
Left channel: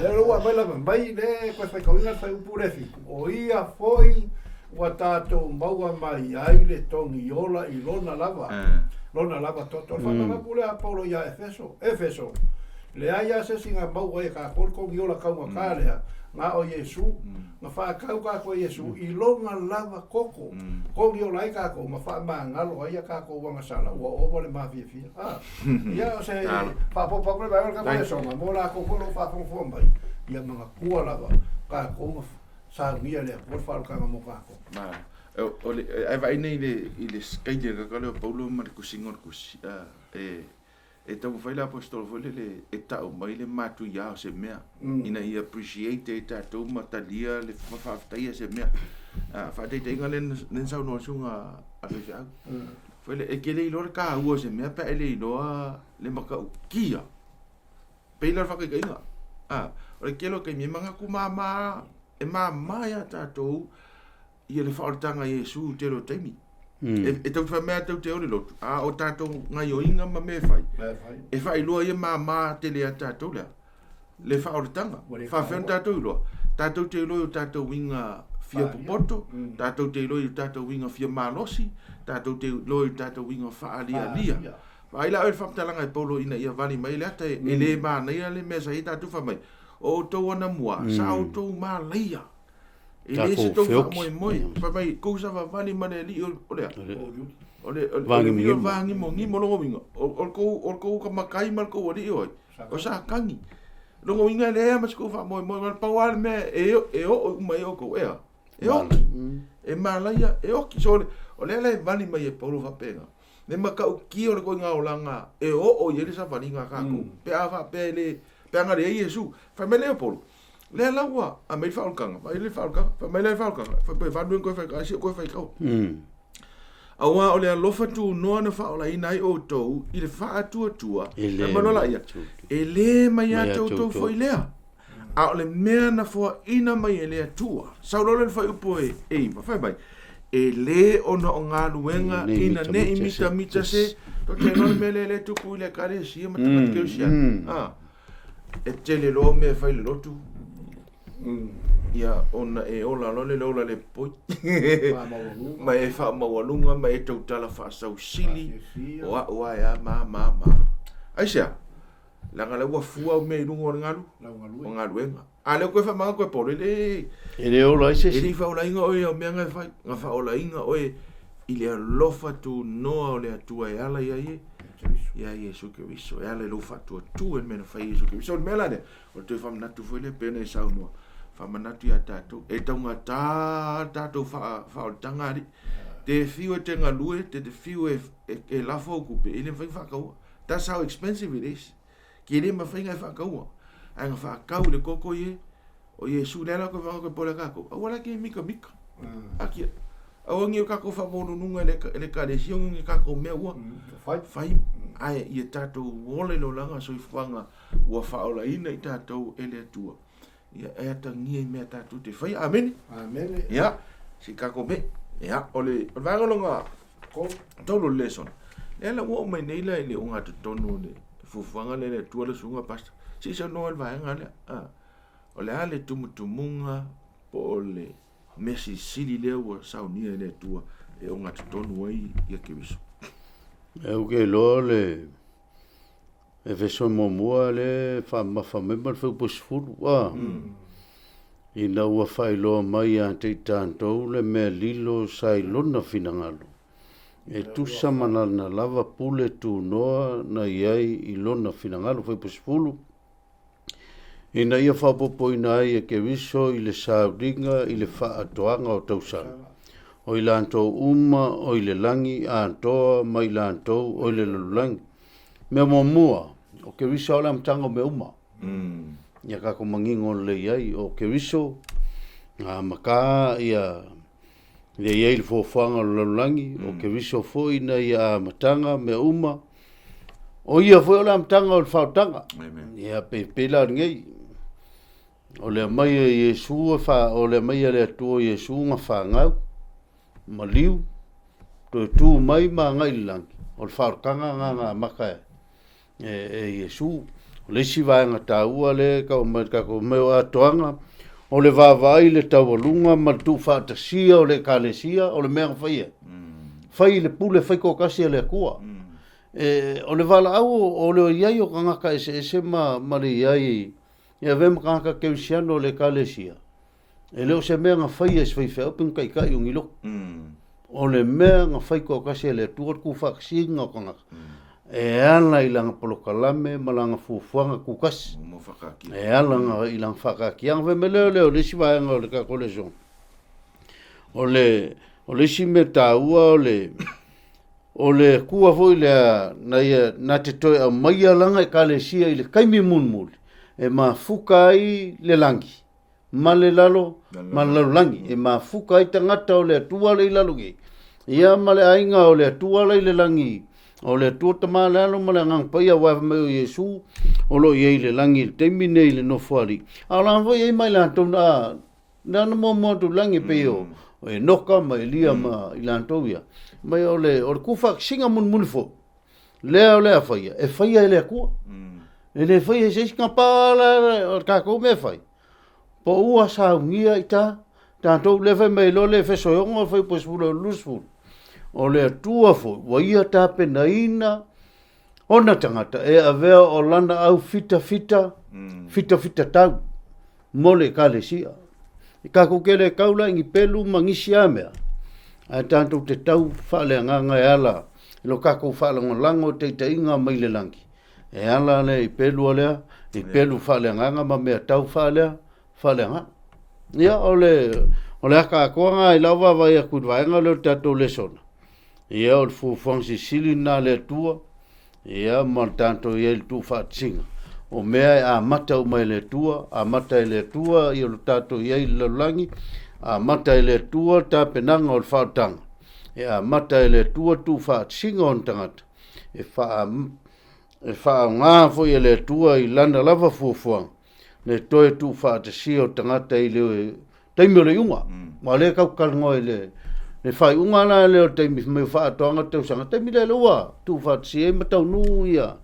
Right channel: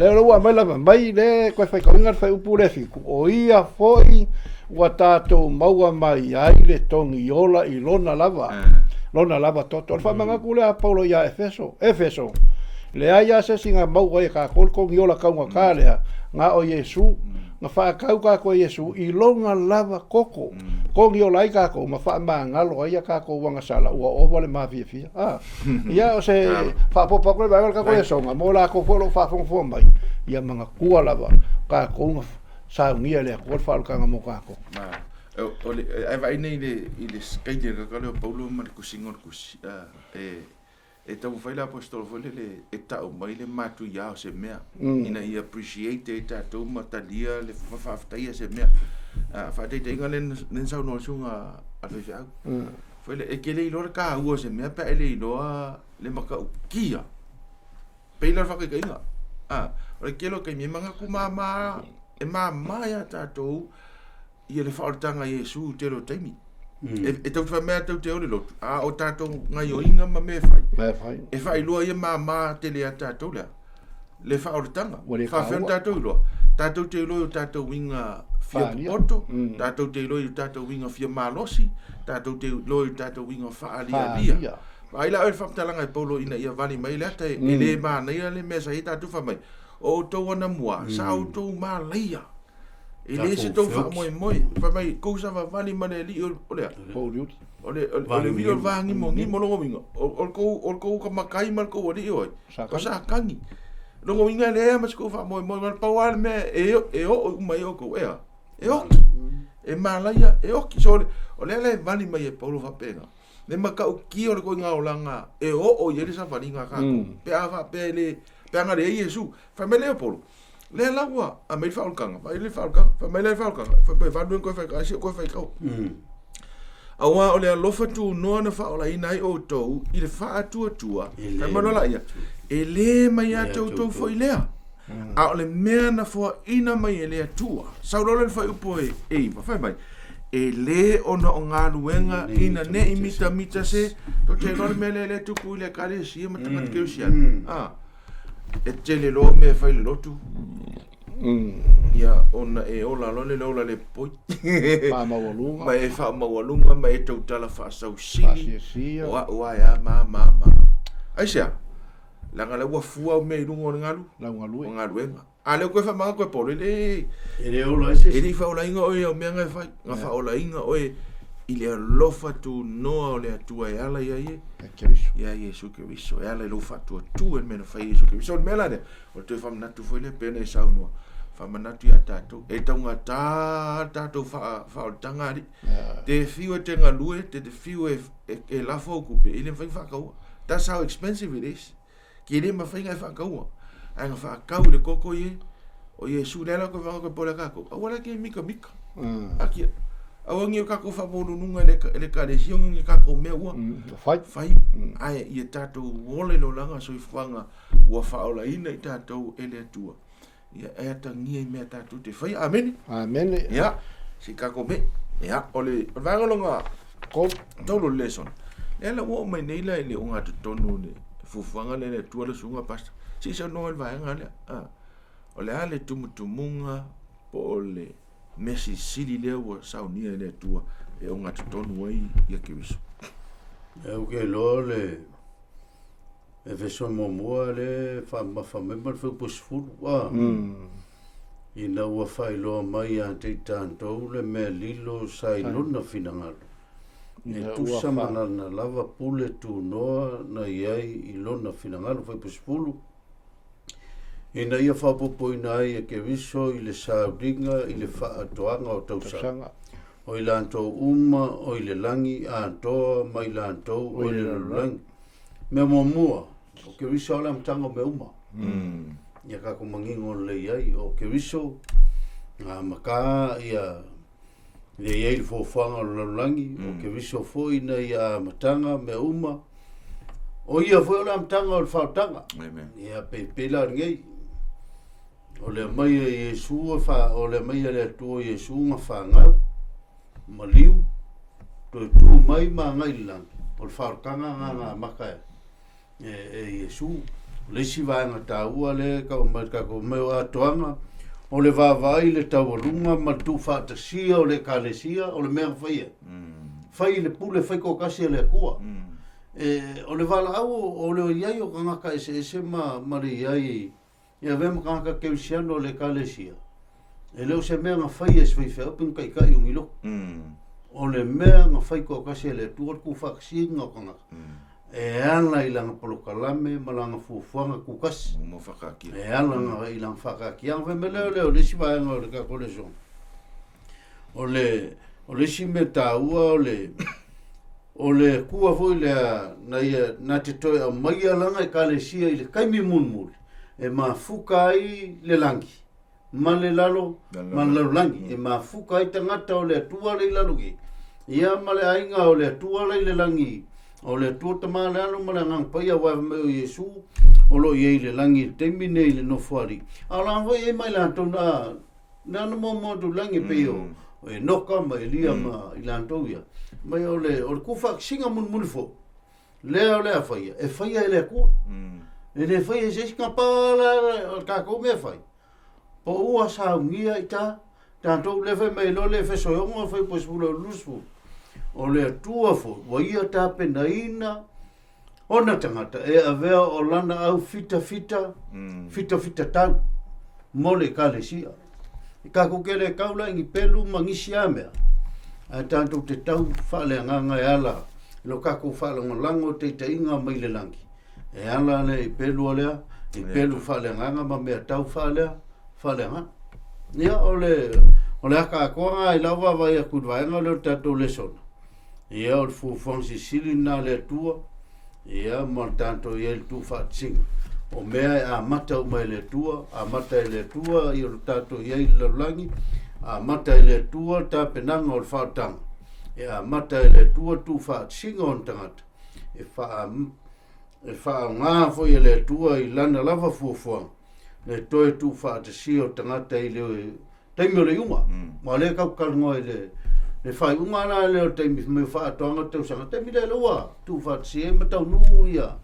le lo wa mai le ko fa ka inga fa u le fi o ia foi wa tato maua mai ai le tongi ola I lona lava toto fa manga ku le a paulo ya efeso le aia se singa maua e ka kol ko ngiola ka nga kale nga o Yesu nga fa ka ko Yesu I longa lava koko ko ngiola I ka ko ma fa manga lo ai ka ko wanga sala o vole ma fi ya o se fa po ko ba ka ko Yesu nga mo la ko lo fa fo mai ya manga ku lava ka ko sa ngia le ko fa ka nga mo ka ko ole ai vai nei le skaide ka le paulo ma ku singor ku e tau fai la apostolo fole le e tau mai le matu ya se mea ina I appreciate e tau matalia le whawhaftaia se mea fa te inga len sau no sunga a fe fiau fole e ke le ilora ka ua se mea pa e le iloa le maka ukia peila whaka ka inga o le kelo kai mi manga ku mama e mama ya tatou I le whaotanga Yesu te lo taimi e tau fa mea tau te ore lotu o tatou ngai o inga ma me fai e fai loa ia mama te lea tatou lea le whaotanga fa whion tatou loa tatou te loa o tatou inga fia popoto tatou te loa o tatou inga fia malosi tatou te loa o tatou inga whaalia ai la o whaptalanga e polo ina ia vali mai lea te e le mana ia le mesa I tatou fa mai o tau ana mua sa o tau ma leia e le se tau wha moi fa mai kousa wa vali mane li o lea o le mi o vangi mo ngimo longo winga o kou ka makai mal kou ori oi o sa kangi longo winga lea mas kou wha moi mal pawal me e o mai o kou e o e malaya e o ki so o le vali mai e paulo fa penga le maka o ki o le ko nga o langa e o yele sa vali nga ka ko pe ava pe le pe nga le Yesu fa me le paulo le lawa a me fa o kanga fa le fa o kanga fa me le fa o kanga fa pe fa duen ko fa ka si ko fa ka awa o le lofa tu no na fa o la ina I o to I le fa tua e mano la ia e le mai a to foi lea a o le mea na fo ina mai e le atua sa lo le fa upo e fa mai e le ona o ngā luenga ina ne I mita se to te no me le tupu I le kare si ma tama ke usia e te le lo me fai le lotu ia ona e ola lole lola le poi ma e fa mawalunga ma e tau tala fa sau sili o ya ma ai sia langa le wa fua me lungo ngalu o ngaluenga ale ko fa manga ko pole le e ola ise e fa ola inga o e me nga fa nga fa ola inga o e ile lofa tu no o le atua e ala ia ye ia Yesu Keriso e ala lofa tu tu en me fa Yesu Keriso me la de o te fa na tu foi le pena e sau no fa manatu ia tatou e taunga tatou fa o tangari te fiu e te ngalue te fiu e lafo kupe ile fa kau that's how expensive it is ki le ma fa inga fa kau anga fa kau le koko ye o Yesu le la ko fa ko pola kako wala ke mika aki awangi o kako fa bonu nunga le kadesi ngi kako meua fai ai ia tatou wole lo langa so ifanga wa fa ola ina I tatou ele tua ia e tangia I mea tatou te fai amen ia si kako me ia ole vangalonga ko tolo lesson ela wo mai nei la le unga tonu le fufuanga le tua le sunga pasta si sa no el vanga le ole ale tumutumunga po le Messi sili le wa saunia le tua e unga tonu ai ia Keriso e o ke lo le e veso mo le fa me mal fu posful wa ina ua fai lo mai a te tanto le me lilo sai lona finangalo e tu samana na lava pule tu noa na iai I lona finangalo foi posfulu ina ia fa popo ina ia Keriso I le sauringa I le fa atoanga o tausanga o I lanto o I le langi a toa mai lanto o I le lulangi me mua o Keriso ala mtanga me uma Ia kako mangingo le iai o Keriso. Maka ia iai le Fuafuaga o Lalulangi. O Keriso foi na ia matanga me uma. O ia foi o le matanga o le whaotanga. Ia pepela ngei. O le mai Iesu o le mai le atua Iesu nga whangau. Maliu. Tu mai ma ngai langi. O le whaotanga nga maka Iesu. Le si vaenga taua le ka o meo atoanga. O le vavai le taualunga ma tu whaatasia o le kalesia o le mea whaia. Whai le pule whai kokasi le kua. O le vala au o le iai o kangaka ese ma le iai. Ia vema kangaka keisiano o le kalesia. E leo se mea nga whai es whai whai upin kai kai ungilo. O le mea nga whai kokasi le tuat ku whaksinga o kangaka. E ala i langa polokalame ma langa fuafuaga kukasi. E ala nga i langa whakakianga. Veme leo lesi vaenga o le kako Lesona. O lesi me taua o le kua foi na te toi a maia langa e kalesia i le kaimi munmuli. E ma fuka ai le langi. Ma le lalo, ma le lalo langi. E ma fuka ai tangata o le atua le ilalungi. Ia ma le ainga o le atua le langi. O le tuata malalo ma le ngang paia wa me o Iesu o lo ye le langi te mine le no fari ala vo ye mai la tona na mo tu langi pe o e noka ma elia ma ilantoia mai o le kufa singa mun fo le faia e faia le ku e le faia se skapala o ka ko me fai po ua sa ngia ita tanto le fe mai lo le fe so yo foi pues lo lusfu o le atua fo, wa ia tape na ina, ona tangata, e avea o lana au fita tau, mo le kalesia. I kako kele kaula ingi pelu mangisi amea, a tanto te tau whale nganga e ala, ilo kako whale ngolango te inga mai le langi. E ala le i pelu alea, i pelu whale nganga ma mea tau whalea nganga. Ia o le aka akoanga i lawa vai a kudwaenga leo tatou Lesona. Ia o le fuafuaga sisili na le atua ia ma le tatou ia le tufaatasiga o mea e amata uma i le atua amata i le atua ia o le tatou ia i le lalolagi amata i le atua tapenaga o le faataga e amata i le atua tufaatasiga o na tagata e faaogā foi e le atua i lana lava fuafuaga le toe tufaatasia o tagata i le taimi o le iuga ma le kaukalagoa i le fai unga na leo taimi me whaatoanga tau sanga. Taimi le loa, tu whaatsi e matau nuia.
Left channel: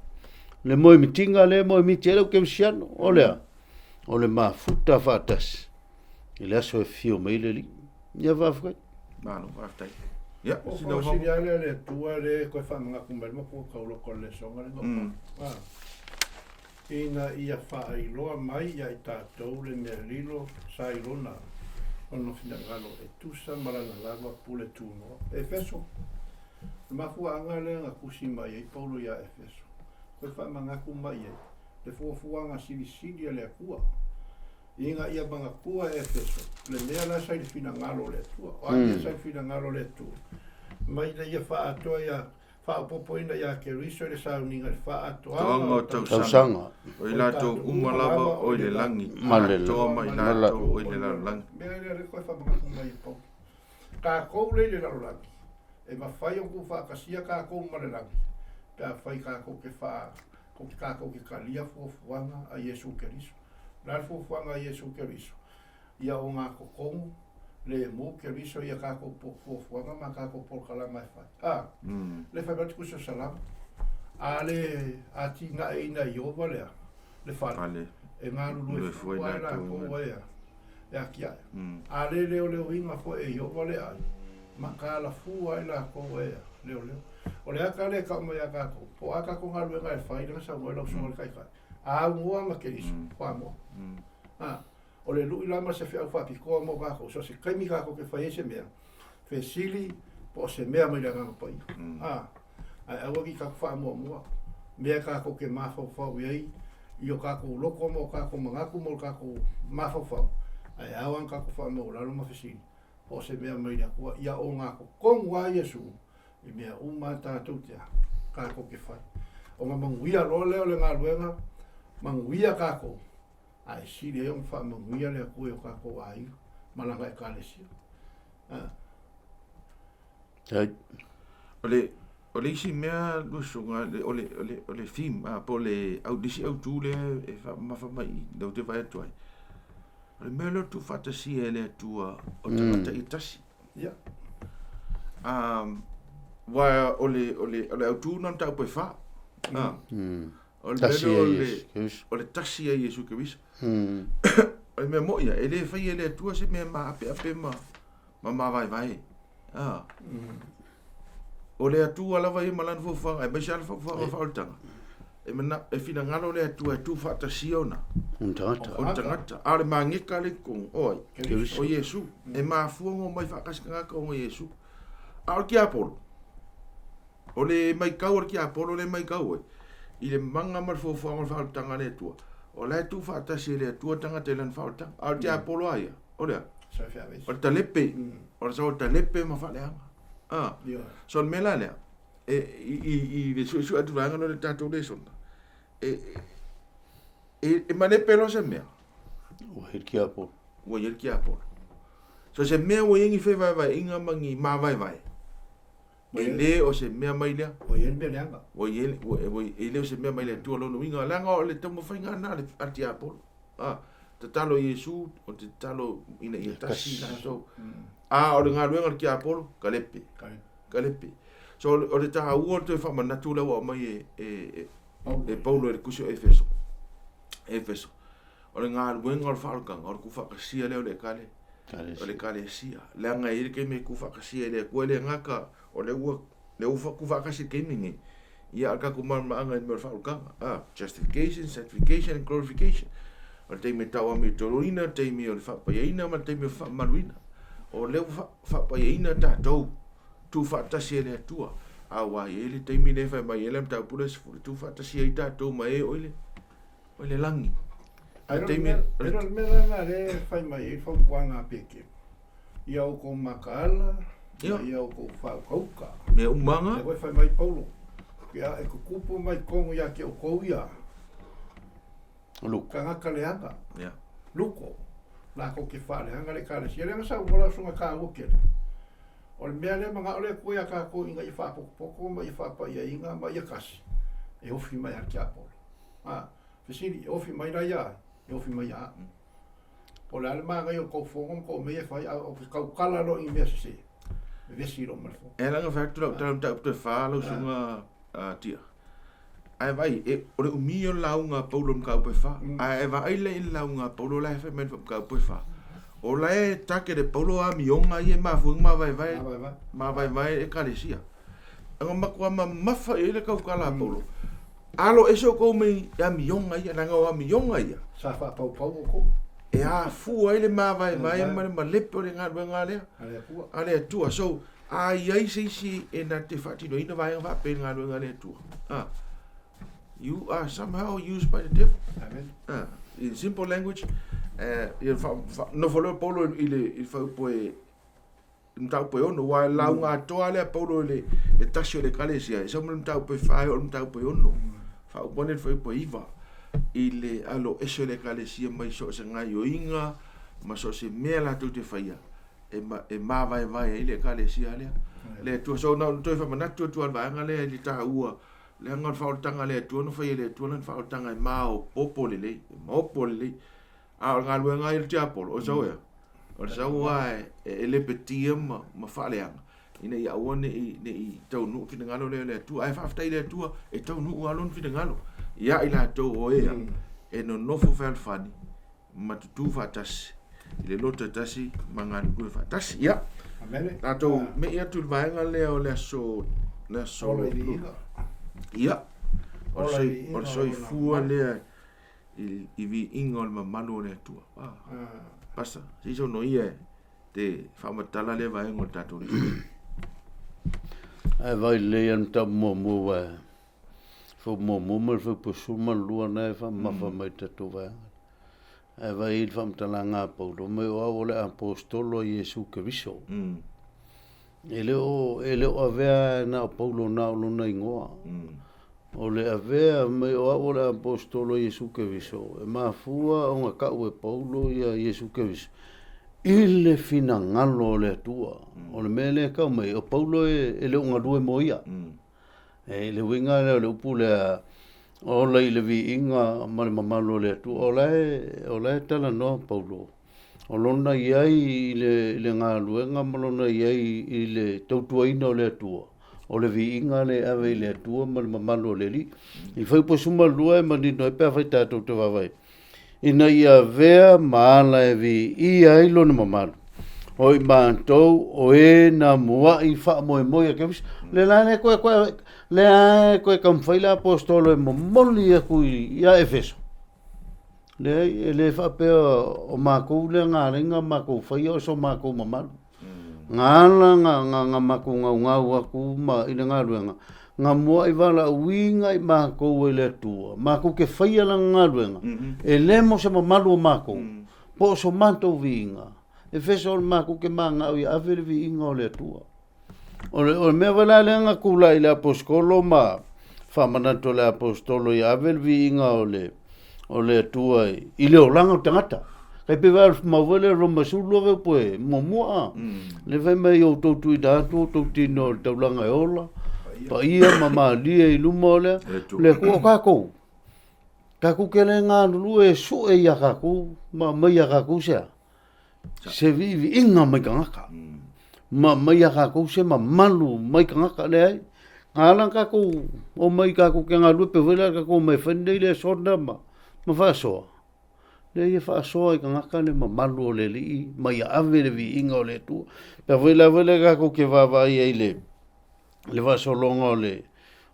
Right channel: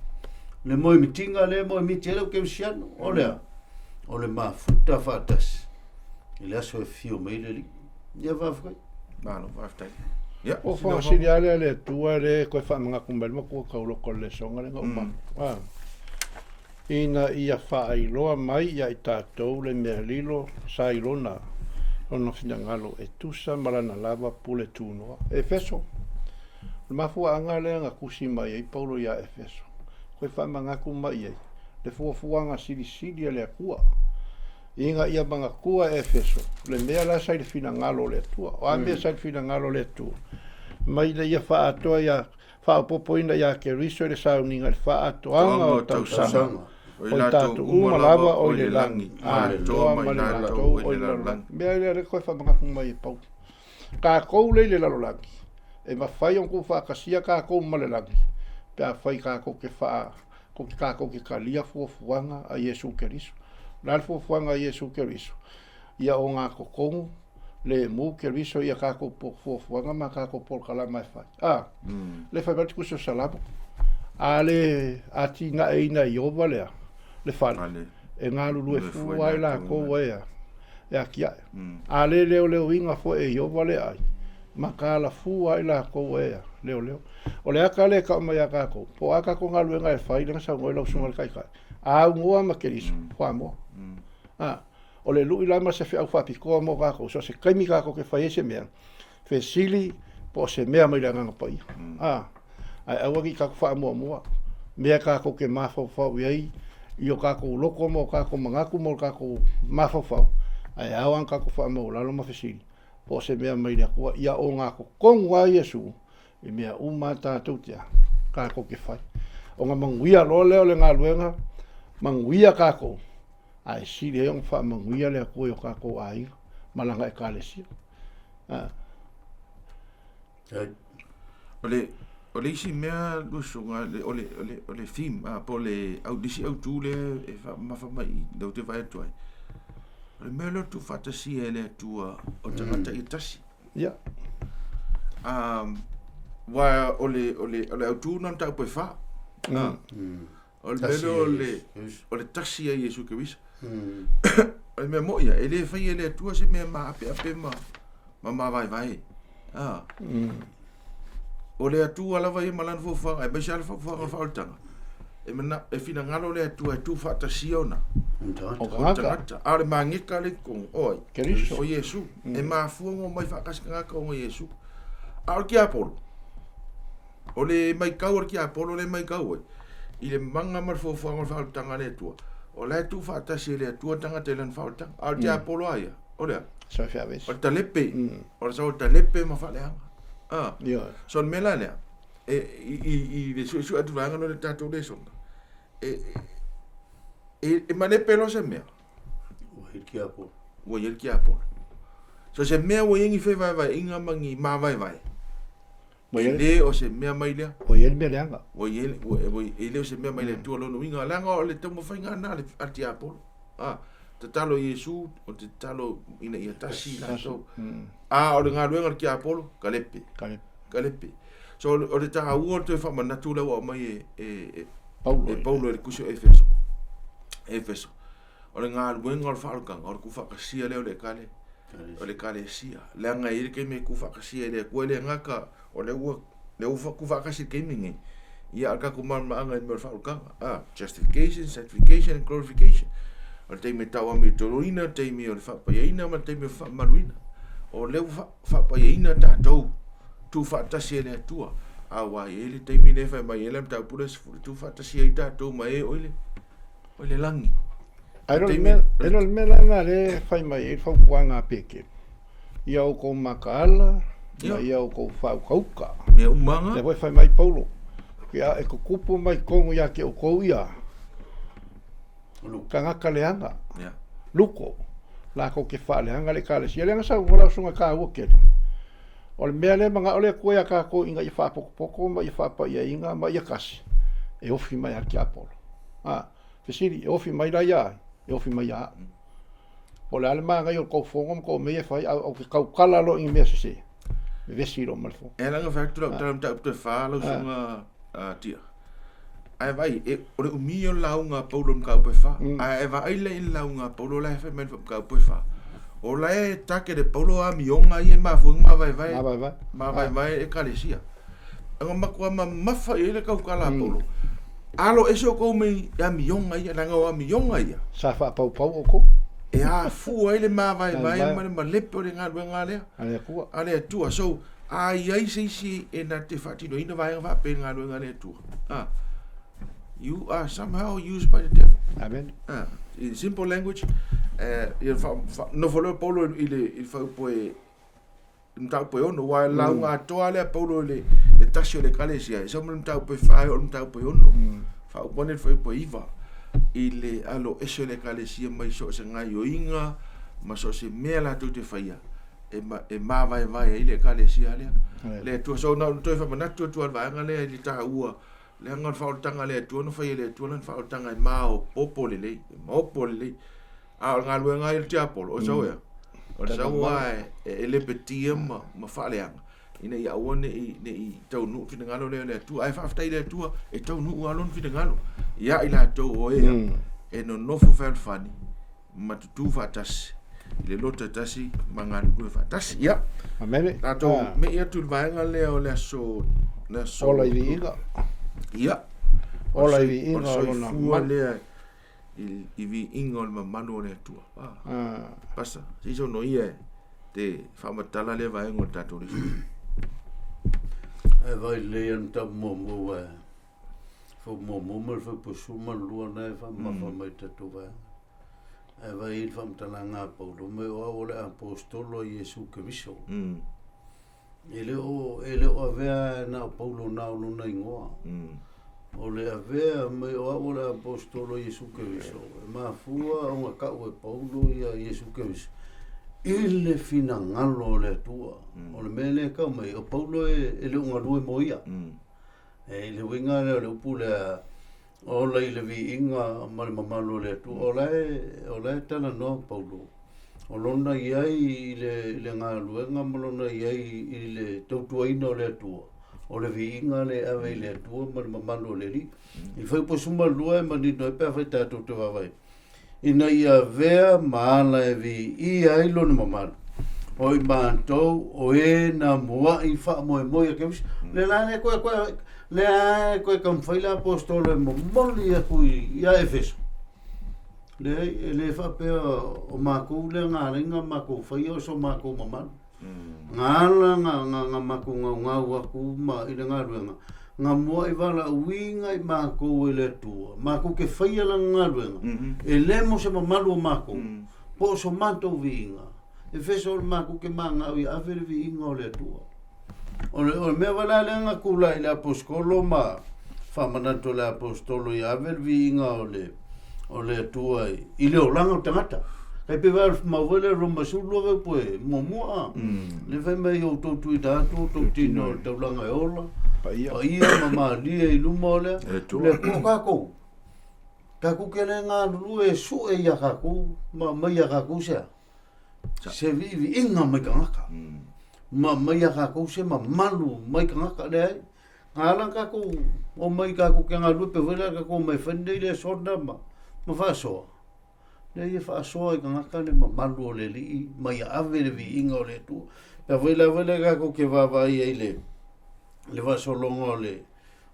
Le moe mitinga le moe miti e leo kemsiano. O le maa futa whaatas. I le aso e fio mei le li. Ia whaafukai. Malo, whaafutai. O whaasiri ale le tua le koe whaamanga kumbari ma kua kauloko le songa le ngau. Ina ia whaailoa mai ia i tātou le mea lilo sa ilona. Ono fina ngalo e tusa marana lava pule tunoa. Efeso. Le mafuanga le nga kusi mai e paulo ia Efeso. Koe whamangaku mai e. Le fuafuanga siri le akua. Inga ia manga kua Efeso. Le mea la sai le fina ngalo le tua. O amia sai le fina ngalo le tua. Mai le ia whaatoa ia whaapopoina ia Keriso le sauninga le whaatoanga o tausanga. O i lato umalava o le langi. Toa mai lato o le langi. Mea le koe whamangaka mai e pau. Ka kou le lalolangi. E mawhai on kou whaakasia ka kou malelangi. Pea whai ka kou ke wha. Ka kou ke kalia fuafuanga a Iesu Keriso. Nal fuafuanga a Iesu Keriso. Ia o ngā kokongu. Le mu Keriso ia ka kou fuafuanga ma ka kou polkala mai whai. Le whai mati kuso salama. A le ati nga e ina i ova lea. Le whale. E ngā lulu e fua e la kou ea. E a kia. A le leo inga fo e i ova le ai. Ma ka la fua e la kou ea. Leo. O le aka le ka mai a ka kou. Po aka ko ngā luenga e whai langa sa ngoe lau sunga le kai. A ungoa ma Keriso. Hoa moa. O le lui lama se whiau whapikoa mo ka kou. So se kaimi ka kou ke whai e se mea. Fe sili po se mea mai la nganga pai. Ai awagi ka wha mua. Mea ka ko ke mawhau iei. Io ka ko loko mo ka ko mangaku mo ka ko mawhau. Ai awan ka ko wha mua lalo mawhisiri. Po se mea mai rea kua. Ia o ngā ko kongua Iesu. I mea uma tātou tia. Ka ko ke whai. O ngā manguia lo leo le ngā luenga. manguia kako. Ai si le on fa manguia le ko yo kako ai malanga e kalesia. Ole isi mea lusunga ole theme po le Autu le e fa mai do te vai tuai. Ole melo tu fatasi ele tua o tangata i tasi. Ya. Wa ole Autu non tau pe fa. Ole melo ole tasi e Yesu Keriso. Ole me moia ele fai ele tua se me ma ape ma vai. O le atua lava i malan Fuafuaga e mai sala Fuafuaga faultanga e mana e fina ngalo le atua tu fatasiona o tangata a le mangeka le kong oi Keriso o Yesu e mafuongo mai fakasanga ko o Yesu a o ki apolo o le mai kau o ki apolo le mai kau i le manga mar Fuafuaga faultanga le atua o le tu fatasi le atua tangata le faultanga a o ki apolo aia o le sa fia ves o talepe o sa talepe ma faleanga son mela lea i le su atu vanga no le tatou Lesona e mane pelo se mea o hiki apo o yer ki apo so se mea o yengi fe vai inga mangi ma vai le o se mea mai lea o yer me leanga o le o se mea mai le tu lo no inga langa o le tomo fainga na le ati apo te talo Yesu o te talo ina ia tasi na so o le ngā luenga ki Apolo, kalepe. So o le taha ua te whamanatu lewa o mai Paulo e le kusio Efeso. O le ngā luenga o le whaarukanga, o le kufakasia leo le kale. O le kale sia. Lea ngai ere kei me kufakasia le kua le ngaka o le ua kufakasi kei mingi. Ia alka kumama anga i me o le whaarukanga. Justification, sanctification and glorification. O le teime taua mi toroina, teime o le whapayaina, ma teime o le whamaruina. O leu whapayaina tātou tu whaatasi e le atua a wai ele teimi le whai mai ele mtau pura sifuri tu whaatasi e tātou mai e oile langi ero mela ngā le whai mai e whaupuanga peke ia o kou makaala ia o kou whaukauka mea umanga le whai mai Paulo ia e kukupu mai kongu ia ke o kou ia kangaka leanga luko la ko ke fa le anga le kale si le anga sa ngola sunga ka wo ke o le mea le manga o le ko ya ka ko inga i fa poko ma i fa pa ia inga ma ia kasi e ofi mai ar ki apolo fesiri e ofi mai la ia e ofi mai ia o le ale manga i ko fongo ko me e fa o ka kala lo i me se vesiro malfo e langa fa tu ta te fa lo sunga tia ai vai e o le umio launga Paulo mka upe fa ai vai le launga Paulo la fe men mka upe fa o la e take de Paulo a mionga i ma fu ma vai e kalesia ngo makwa ma fa ele ka kala Paulo alo eso ko me ya mionga i na ngo mionga i sa fa pau ko e a fu ele ma vai ma le po le nga le ale tu so ai si e na te fati no ina vai va pe nga le tu you are somehow used by the devil. Amen. In simple language, no follow Paulo il fa poi mtau poi ono wa launga toale Paulo le tasio le kalesia. So mtau poi fa o mtau poi ono. Fa pone foi poi iva. Ile alo eso le kalesia mai so se ngai o inga, ma so se mela tu te faia. E ma vai ile kalesia le. Le tu so no tu fa manatu tu va ngale li ta ua. Le ngal faultanga le tu no fai le tu no faultanga mao popole le a ngal wenga il tiapol o so ya o so wai e le petiam ma faleanga ina ia one i tau nu fi ngalo le tu ai fa ftai le tu e tau nu alon fi ngalo ia ila to o e no fu fel fani ma tu fatas le lota tasi mangan ku fatas ia amene ato me ia tu vai ngale o le so ola iga ia ola i o so fu le i vi ingol ma manu le tu pasa si so no ia te fa matala le vai ngol tatu le ai vai le an ta mo fo mo mal fo po suma lua na fa ma fa mai tatu vai ai vai fa matala nga po do me o le apostolo Yesu Keriso ele o avea na Paulo na lo na ingoa o le avea mai o le apostolo Iesu Keriso e mafua o nga kau e Paulo ia Iesu Keriso i le finangalo o le atua o le mele kau mai o Paulo e le unga rue moia e le winga le upu le o le vi inga ma le mamalo le atua o le tala no Paulo o lona iai le ngā luenga ma lona iai i le tautuaina o le atua o le vi inga le ave le atua ma le mamalo le li i fai po suma lua e manino e pia fai tātou te wawai ina ia vea maala e vi i ailo na mamalo o i mātou o e na mua i wha moe moe a kemis le lane koe kamwhaila apostolo e momoli e kui ia Efeso le wha pia o mākou le ngā ringa mākou whaia o so mākou mamalo ngala nga mako ngau aku ma ina nga ruenga nga mo i wala winga i mako e le tua mako ke faia la nga ruenga e le mo se malu mako po so manto winga e feso mako ke manga i ave winga o le tua o me wala le nga kula i le apostolo ma fa manato le apostolo i ave winga o le tua i le olanga tangata kai pe va mawele roma sulu ve poe momoa le ve me o to tu da to tino taulanga ola pa ia mama lia i lumole le ko ka ku kele nga lu e su e ya ka ku ma ya ka ku se vivi inga mai ka ma ya ka ku se ma malu mai ka le ngala ka ku o mai ka ku ke nga lu pe vela ka ku mai fende le sorda ma fa so le ia fa soa i ngaka le mamalu o le li mai ave le vi inga o le tu pe vela ka ko ke va i le va solonga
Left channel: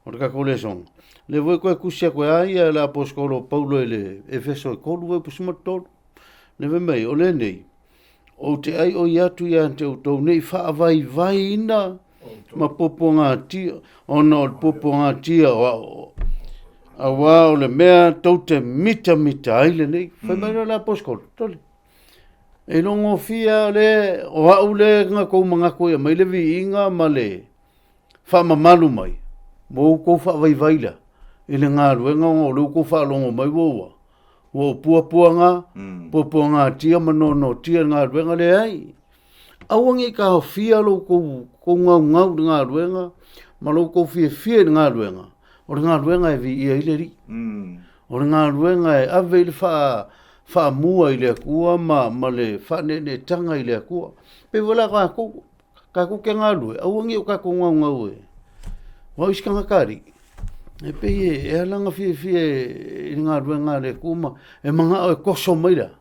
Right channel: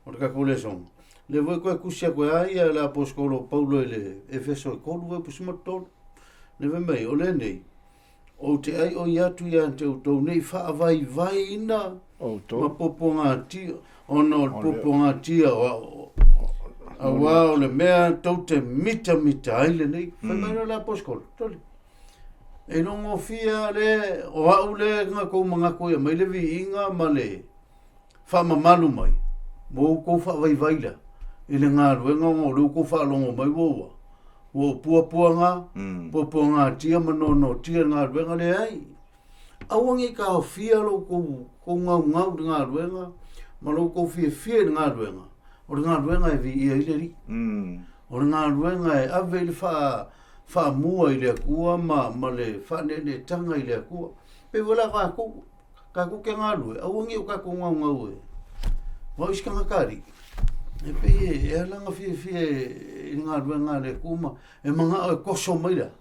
o ka ko le son le voi ko kusia ko ai la apostolo Paulo le Efeso ko lu pu sma to le ve mai o le nei o te ai o ia tu ia te to nei fa vai ina ma poponga ti ono poponga ti o le mea tau te mita aile nei, whai mai la apostolo, tole. E longo fia le, o au le ngā kou mga koe, mai le vi inga ma le wha mamalu mai, mo kou wha vai i le ngā ruenga o leu kou wha longo mai woua. Wo pua ngā tia manono tia ngā ruenga le ai. Awangi ka ho fia lo kou ngau ngā ruenga, ma lo kou fia ngā ruenga. O ngā ruenga e vi ia i le ri. O ngā ruenga e ave le wha mua i le akua ma le wha nene tanga i le akua. Pe wala ka ku ke ngā rue, awangi o ka ku ngau e. Wa iska ngakari. E pe e alanga fie i ngā ruenga le akua ma e mga o e koso maira.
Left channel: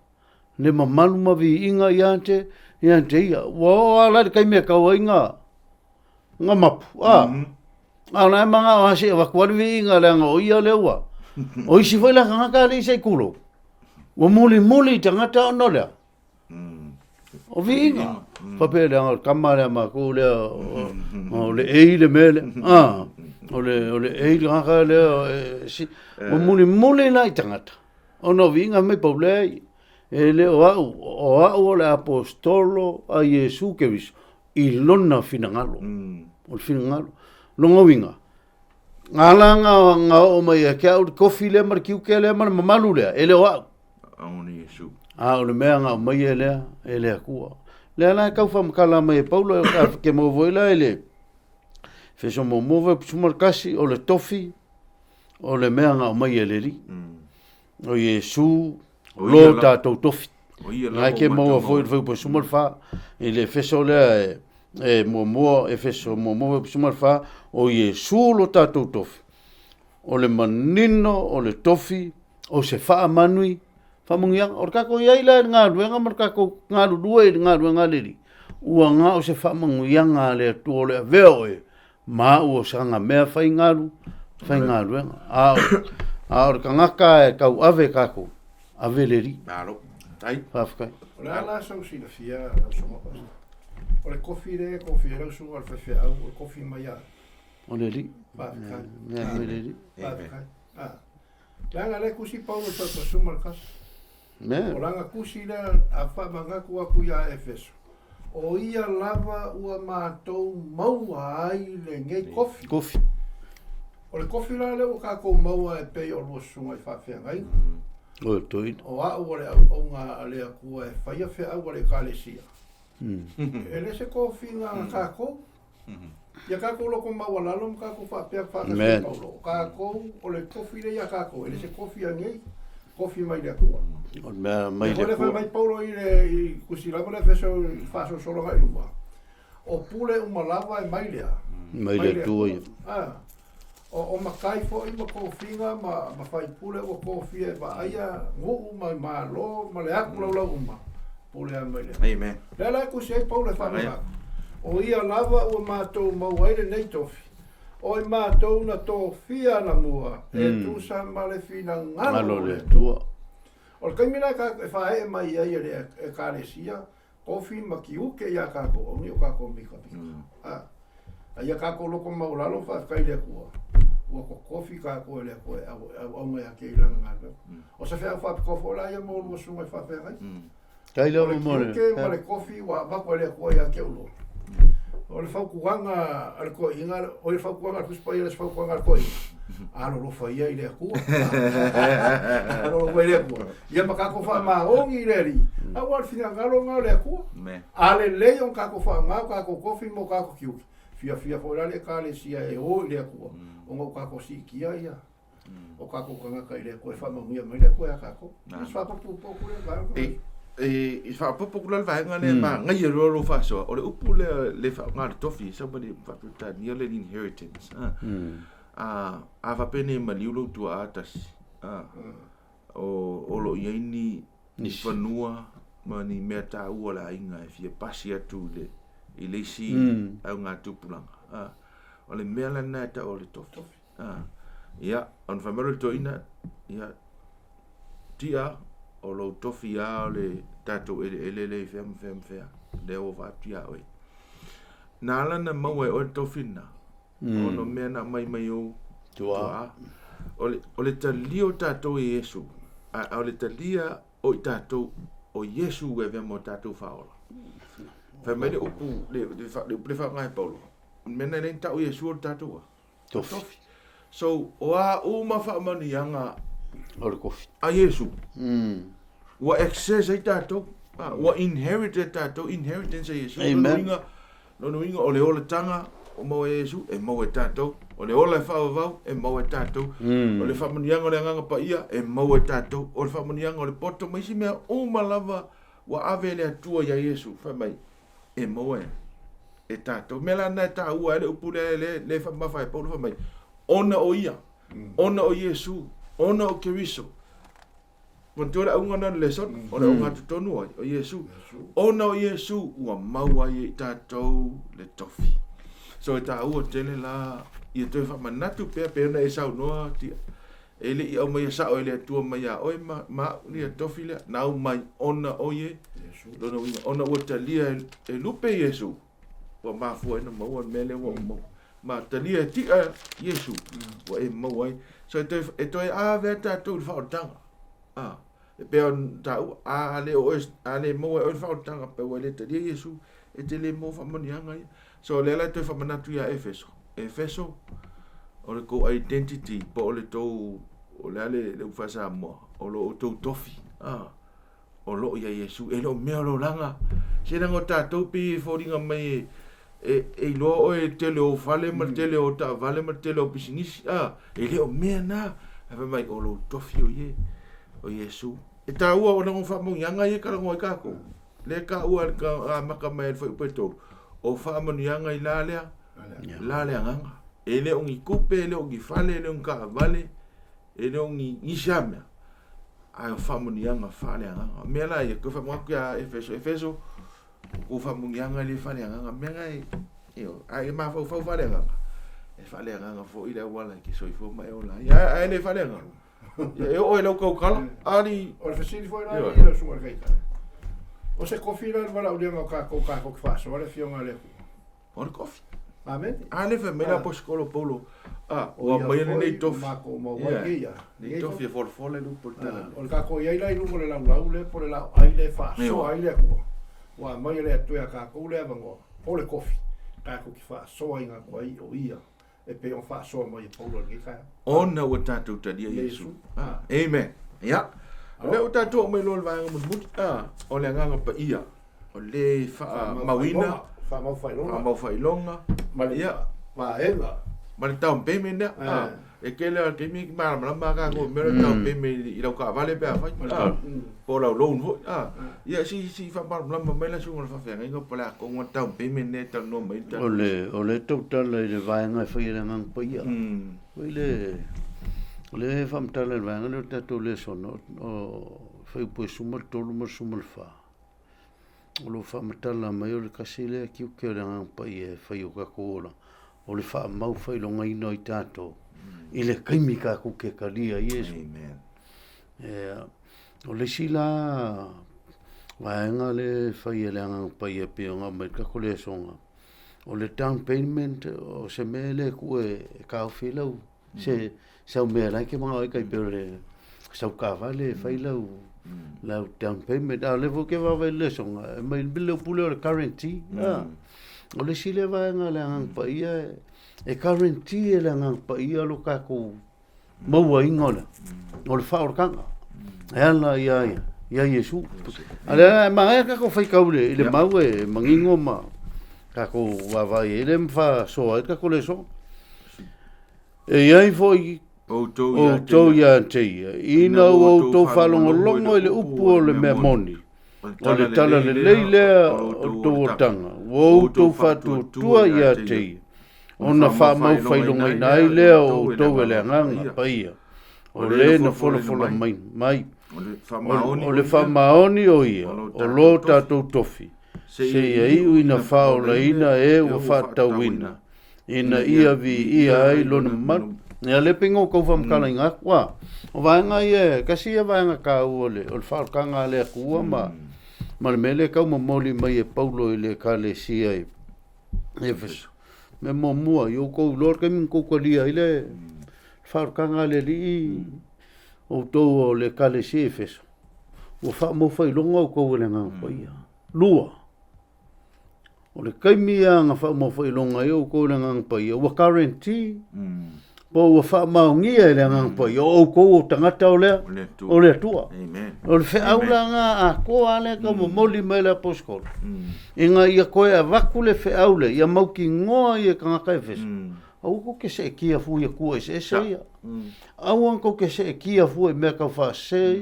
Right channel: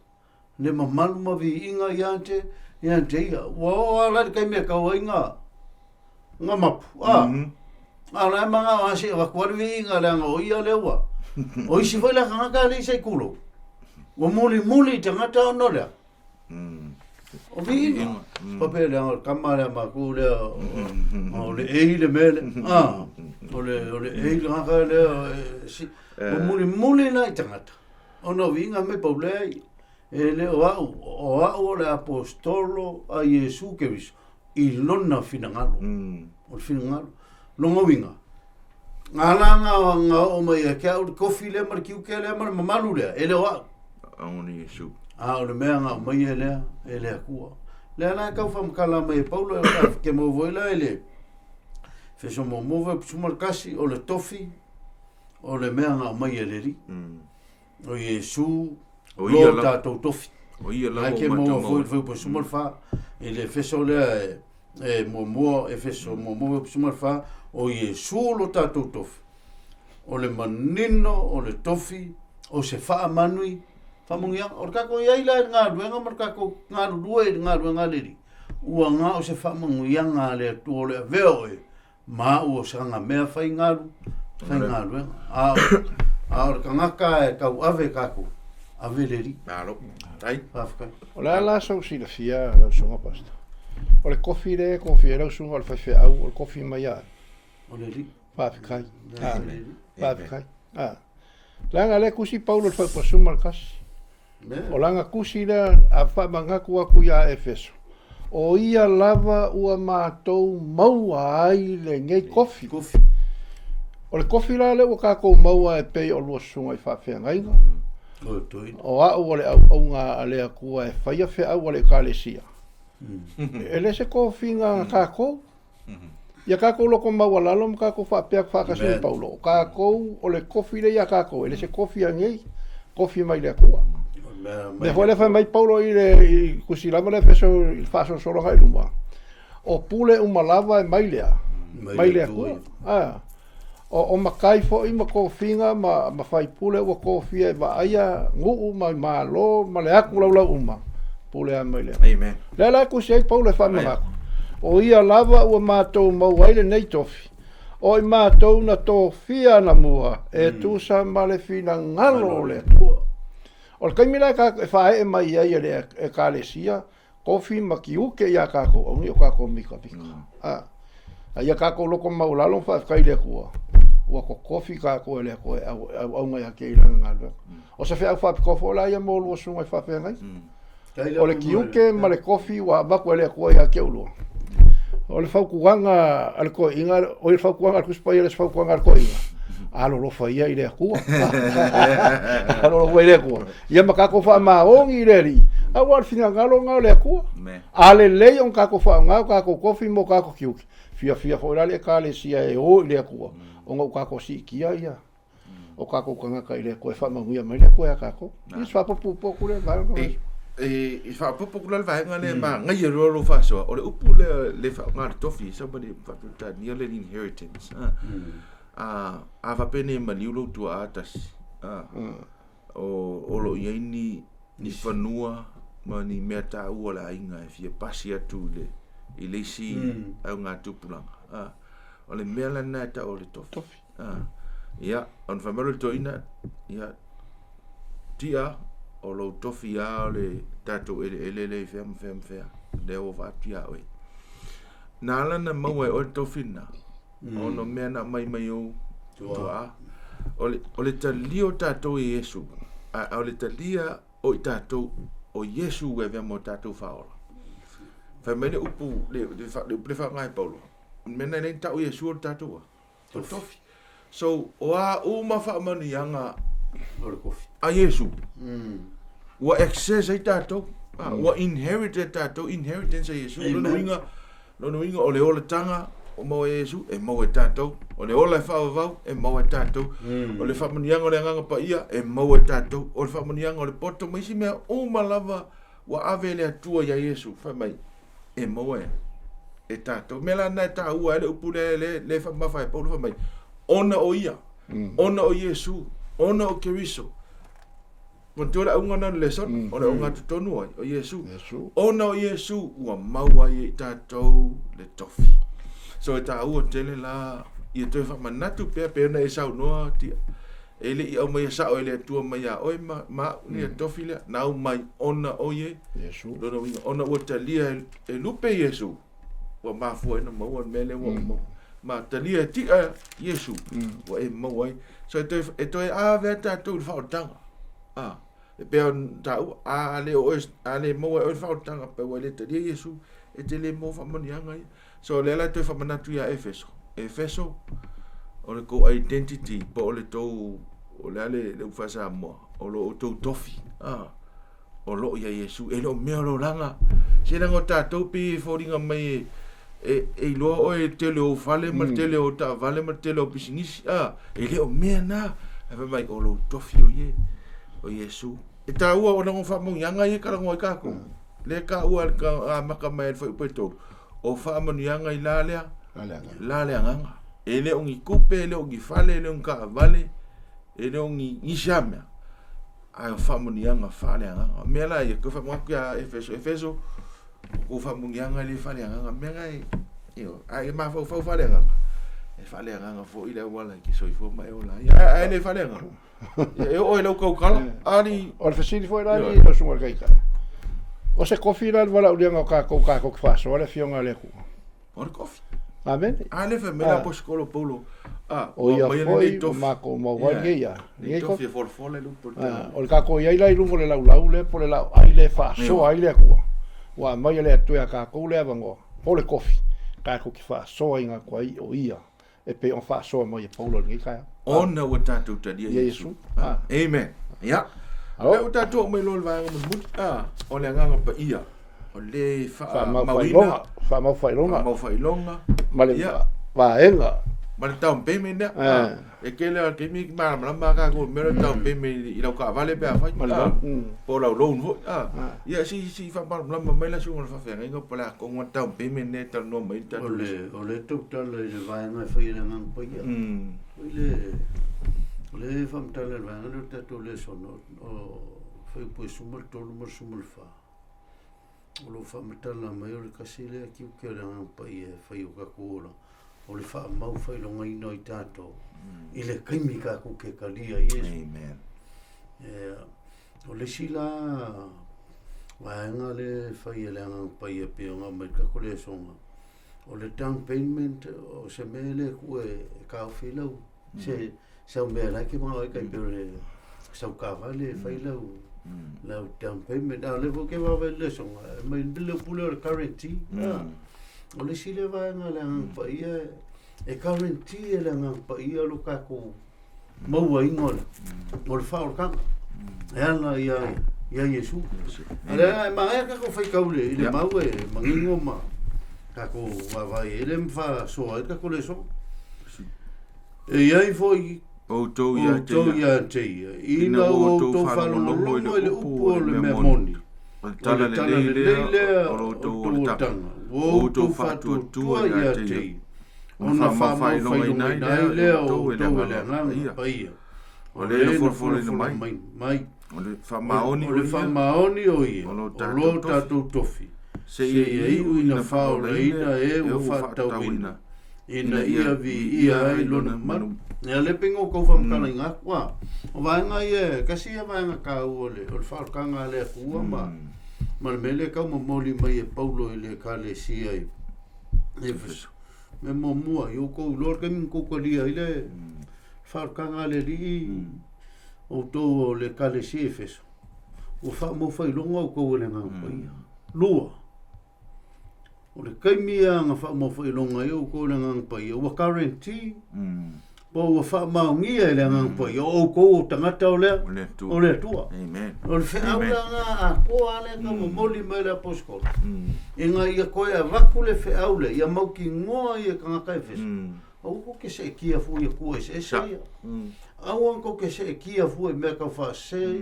Le mamalu ma vi inga i ante ia. Wa ala kai mea kaua inga mapu. Ana manga o hasi wa kwari inga le nga o ia le wa. O isi foi la ngaka le sai kulo. O muli tangata no le. O vinga. Pape le kamara ma ku le o le eile mele. O le eile ngaka le si o muli na tangata. O no vinga me paulei. E le o le apostolo a Iesu Keriso i lona finangalo. O finangalo. Longa winga. Ngala o mai ke au kofi le mar kiu ke le mar mamalu le ele wa. Aoni Yesu. O le mea nga mai ele akua. Le ala ka fa mkala mai Paulo ke mo voila ele. Feso mo move sumar kasi o le tofi o le mea nga mai ele ri. O Yesu lo ta tofi. O ia la ke mo foi po sumar fa ele feso le mo Efeso mo sumar fa o Yesu lo tatou tofi. O le manino, o le tofi, o se wha manui, wha mungianga. O kako iai la ngā ruenga, mar kako ngā rurua i ngā ruenga leri. Ua ngā o se wha mungianga le atu o le veo e. Ma ua sanga mea whai ngā ruenga. A o ka ngaka e kau ave kako, ave leri. Naro, tai. Whawhkai. O le ala sau si la fia, la songa pasta. O le kofi le, kofi e rausunga, o le whaiwhi au, o le kofi mai a. O le li. Whawhikai. Whawhikai. Langa le kusi Paulo whaiwhasuma le kas. O langa kusi le a whamangaku aku ia Efeso. O ia lava ua mātou maua ai le ngei kofi. Kofi. O le kofi la le o kako maua e pei o lua sunga i whawhengainga. O toina. O au le au ngā alea kua e whaia whe au le kālesia. E le se kofi ngā kako. Ia kako loko maua lalo ma kako whapea whakasua paulo. Kako o le kofi le ia kako. E le se kofi a ngei. Kofi mai le kua. Me koe le whai mai paulo i le kusilama le feso i whaso solo hai luma. O pule umalava e mai lea. Mai le tui. O makai fo i ma kofinga ma whai pule ua kofia e wa aia nguu ma lo ma le aku lau uma. Pule a mai lea. Amen. Le kusi ai paulo e whamahako. O ia lava ua mātou mauaile nei tofi. O i mātou na tofia na mua. E tūsa ma le fina ngalo le tua. O le kaimila e whae e mai ai e kālesia. Kofi ma ki uke ia kako. O ni o kako mika pika. Ia kako loko maulalo whai le kua. Ua ko kofi kako e le kua au ngai a kei langa ngalo. O sa whea whapi kofo la ia mōlu o sunga i whapea ngai. O le ki uke ma le kofi ua waku e le kua ia ke uloa. O le whaukuanga al ko inga, o le whaukuanga al kuspai le whaukuanga al ko inga. Alo lo whaia i le kua. Alo lo whaia i le kua. Ia makako wha maongi i le ri. Au al whina ngalo ngao le kua. Ale lei on kako wha ngao kako kofi mo kako kiuki. Fia fo le ka le sia e o i le kua. O ngau kako si kia ia. O kako kangaka i le kua e wha manguia mai le kua kako. I swapo pupo le varo. I fa popo kula vai ngale ma ngai ro fa so o le upu le fa ngar tofi somebody fa ta nearly inheritance a va pene ma liulo tu atas o lo yeni ni fanua ma ni meta u la inga e fia pasia tu le i le si au ngā tupulanga o le mela na ta o le tofi ia on fa mero to ina ia tia o lo tofi a le tato ele fem fea le o va tia oi nala na mau o tofi na o no mena mai o tua o le talio tato e Yesu o le talia o tato o Yesu e ve mo tato faola fa me le upu le fa ngai paulo mena le tato Yesu o tato tofi so o a o ma fa mani anga o le kofi a Yesu wa access ai tato wa inherit tato inheritance ai Yesu no inga o le ola tanga o mo Yesu e mo tato o le ola fa va e mo tato o le fa mani anga le anga pa ia e mo tato o le fa mani anga o le poto mai si me o malava wa ave le atua ya Yesu fa mai e mo e tato mela na ta ua le upule le fa ma fa e paulo fa mai ona o ia ona o Yesu ona o Keriso Montola unga na Lesona, o le Ogatotonu o Yesu. Ona o Yesu ua maua i tātou le tofi. So e tā ua tele la, i e toi whamanatu pēr na e sau noa tia. E le i au mai a sao e le atua mai a oi ma ni a tofi lea. Nau mai ona o ye. Lona winga, ona ua talia e lupe Yesu. Ua mafua ena maua mele ua mau. Ma talia e tia Yesu. Ua e maua ai. So e toi a vea tātou le whaotanga. E pea tau a le mo e fa tanga pe wale te Yesu e te le mo fa manianga so le la te fa manatu ya Efeso o le ko identity po o le to o le fa sa mo o lo to tofi o lo ya Yesu e lo me lo langa se na ngota to pi foringa mai e lo o e te le o fale ma te le o ta vale ma te le o pisinisi e le o me na e mai o lo tofi o ye o Yesu e ta ua o nango whamong yanga i karango i kako le ka ua ka maka mai foi peto o whamong yanga i lalea nganga e le ongi kupe le ongi fale le ongi ka vale e le ongi ishamea ai o whamong yanga fale nganga mea la i ko whamong ya Efeso ko whamong yanga le fale nganga mea ngai ai ma fau fale nganga e fale nganga fo i le wala ki soifo mai o la ai le fale nganga e o lo ko kala ali o le fasili foi la i lo sunga kai kai o se kofi la wala ulenga ka ko fa so le fionga le ku o le kofi amen ale fe mena poskolo polo o mai le to ma ko mo wa ke ya ni to fi for le lu por o le ka ko ia la i lu le lau le por la ai le fa so ai le ku wa mai le tu ya ka ko le vango o le kofi ka ko ki fa so inga ko ai o ia e pe on fa so mo ye paulo ngi ka ona o tātou tadia Yesu. Amen. Ya. Le o tātou mai lo vai mo mut o le nganga pa ia. O le fa mawina fa mau fai longa mau fai longa. ya va enga Ma le tau peme ne. E kele ke mi ma ka ko me le tau peme I lo ka vale pe fai. Po la lo vo. Ya si fa ma mai la su fa fa ngai ko pala ko ngwa tau peme ne tau no mai ta. Ole total le vai ngai fai le ngang pa ia. Le fam tala vai ngai le tatou Lesona o fai po sumal tolu mo sumal fa. O lo fa matala mai o le kasile ki o ke le ngang pa ia fai o ka kola. O le wha mau whai longa ino I tātou. I le kaimi ka kuke ka lia Yesu. Amen. O le sila waenga le whai e le angang pai e pio ngā mai kako le songa. O le down payment o se mele kue ka au whilau. Se sau mea lai ke mga oikai pio le sau ka vale whai lau. Lau down payment. A le ke wawe le songa. Mai bile pule o le currency. O le sile vaenga le angang pa ia e currency e le angang pa ia lo kako maua ingola o le whaorkanga e ala ia Yesu ale ma kako whai kaule I le mau e mangingo ma kako wawai e le mwha soa e kako le so e iai foi Autu ia teia ina o Autu whalongolongo I le upu o le mea moni o le tala le leilea o tōtanga o tō whatuatua ia tei ona whamau whailonga nai lea o tō e le nganga paia o le na wholofola mai o le whamaoni o ia o lo tātou tofi se ia iu ina whaola ina e o whatauina ina ia vi ia ai lona manu Nea le pingo kou whamkala inga kua o vaenga ia kasi ia vaenga ka ua le o le whaokanga le kua ma le mele kau mamoli mai e paulo I le ka le sia e Efeso me mua I o kou lor ke min kou kalia I le whaokanga le li o tou o le ka le sia Efeso o wha mo whailonga o kou le nganga ia lua o le kaimia nga wha mo whailonga I o kou le nganga ia o currency po wa fa maungia le ngang po yo ko tangata o le Atua o le fe aula nga a ko ale ka mo moli mai la poskol inga ia ko e vaku le fe aule ia mau ki ngoa ia ka ka fes au ko ke se kia fu ia ko se ia au an ko ke se kia fu e me ka fa se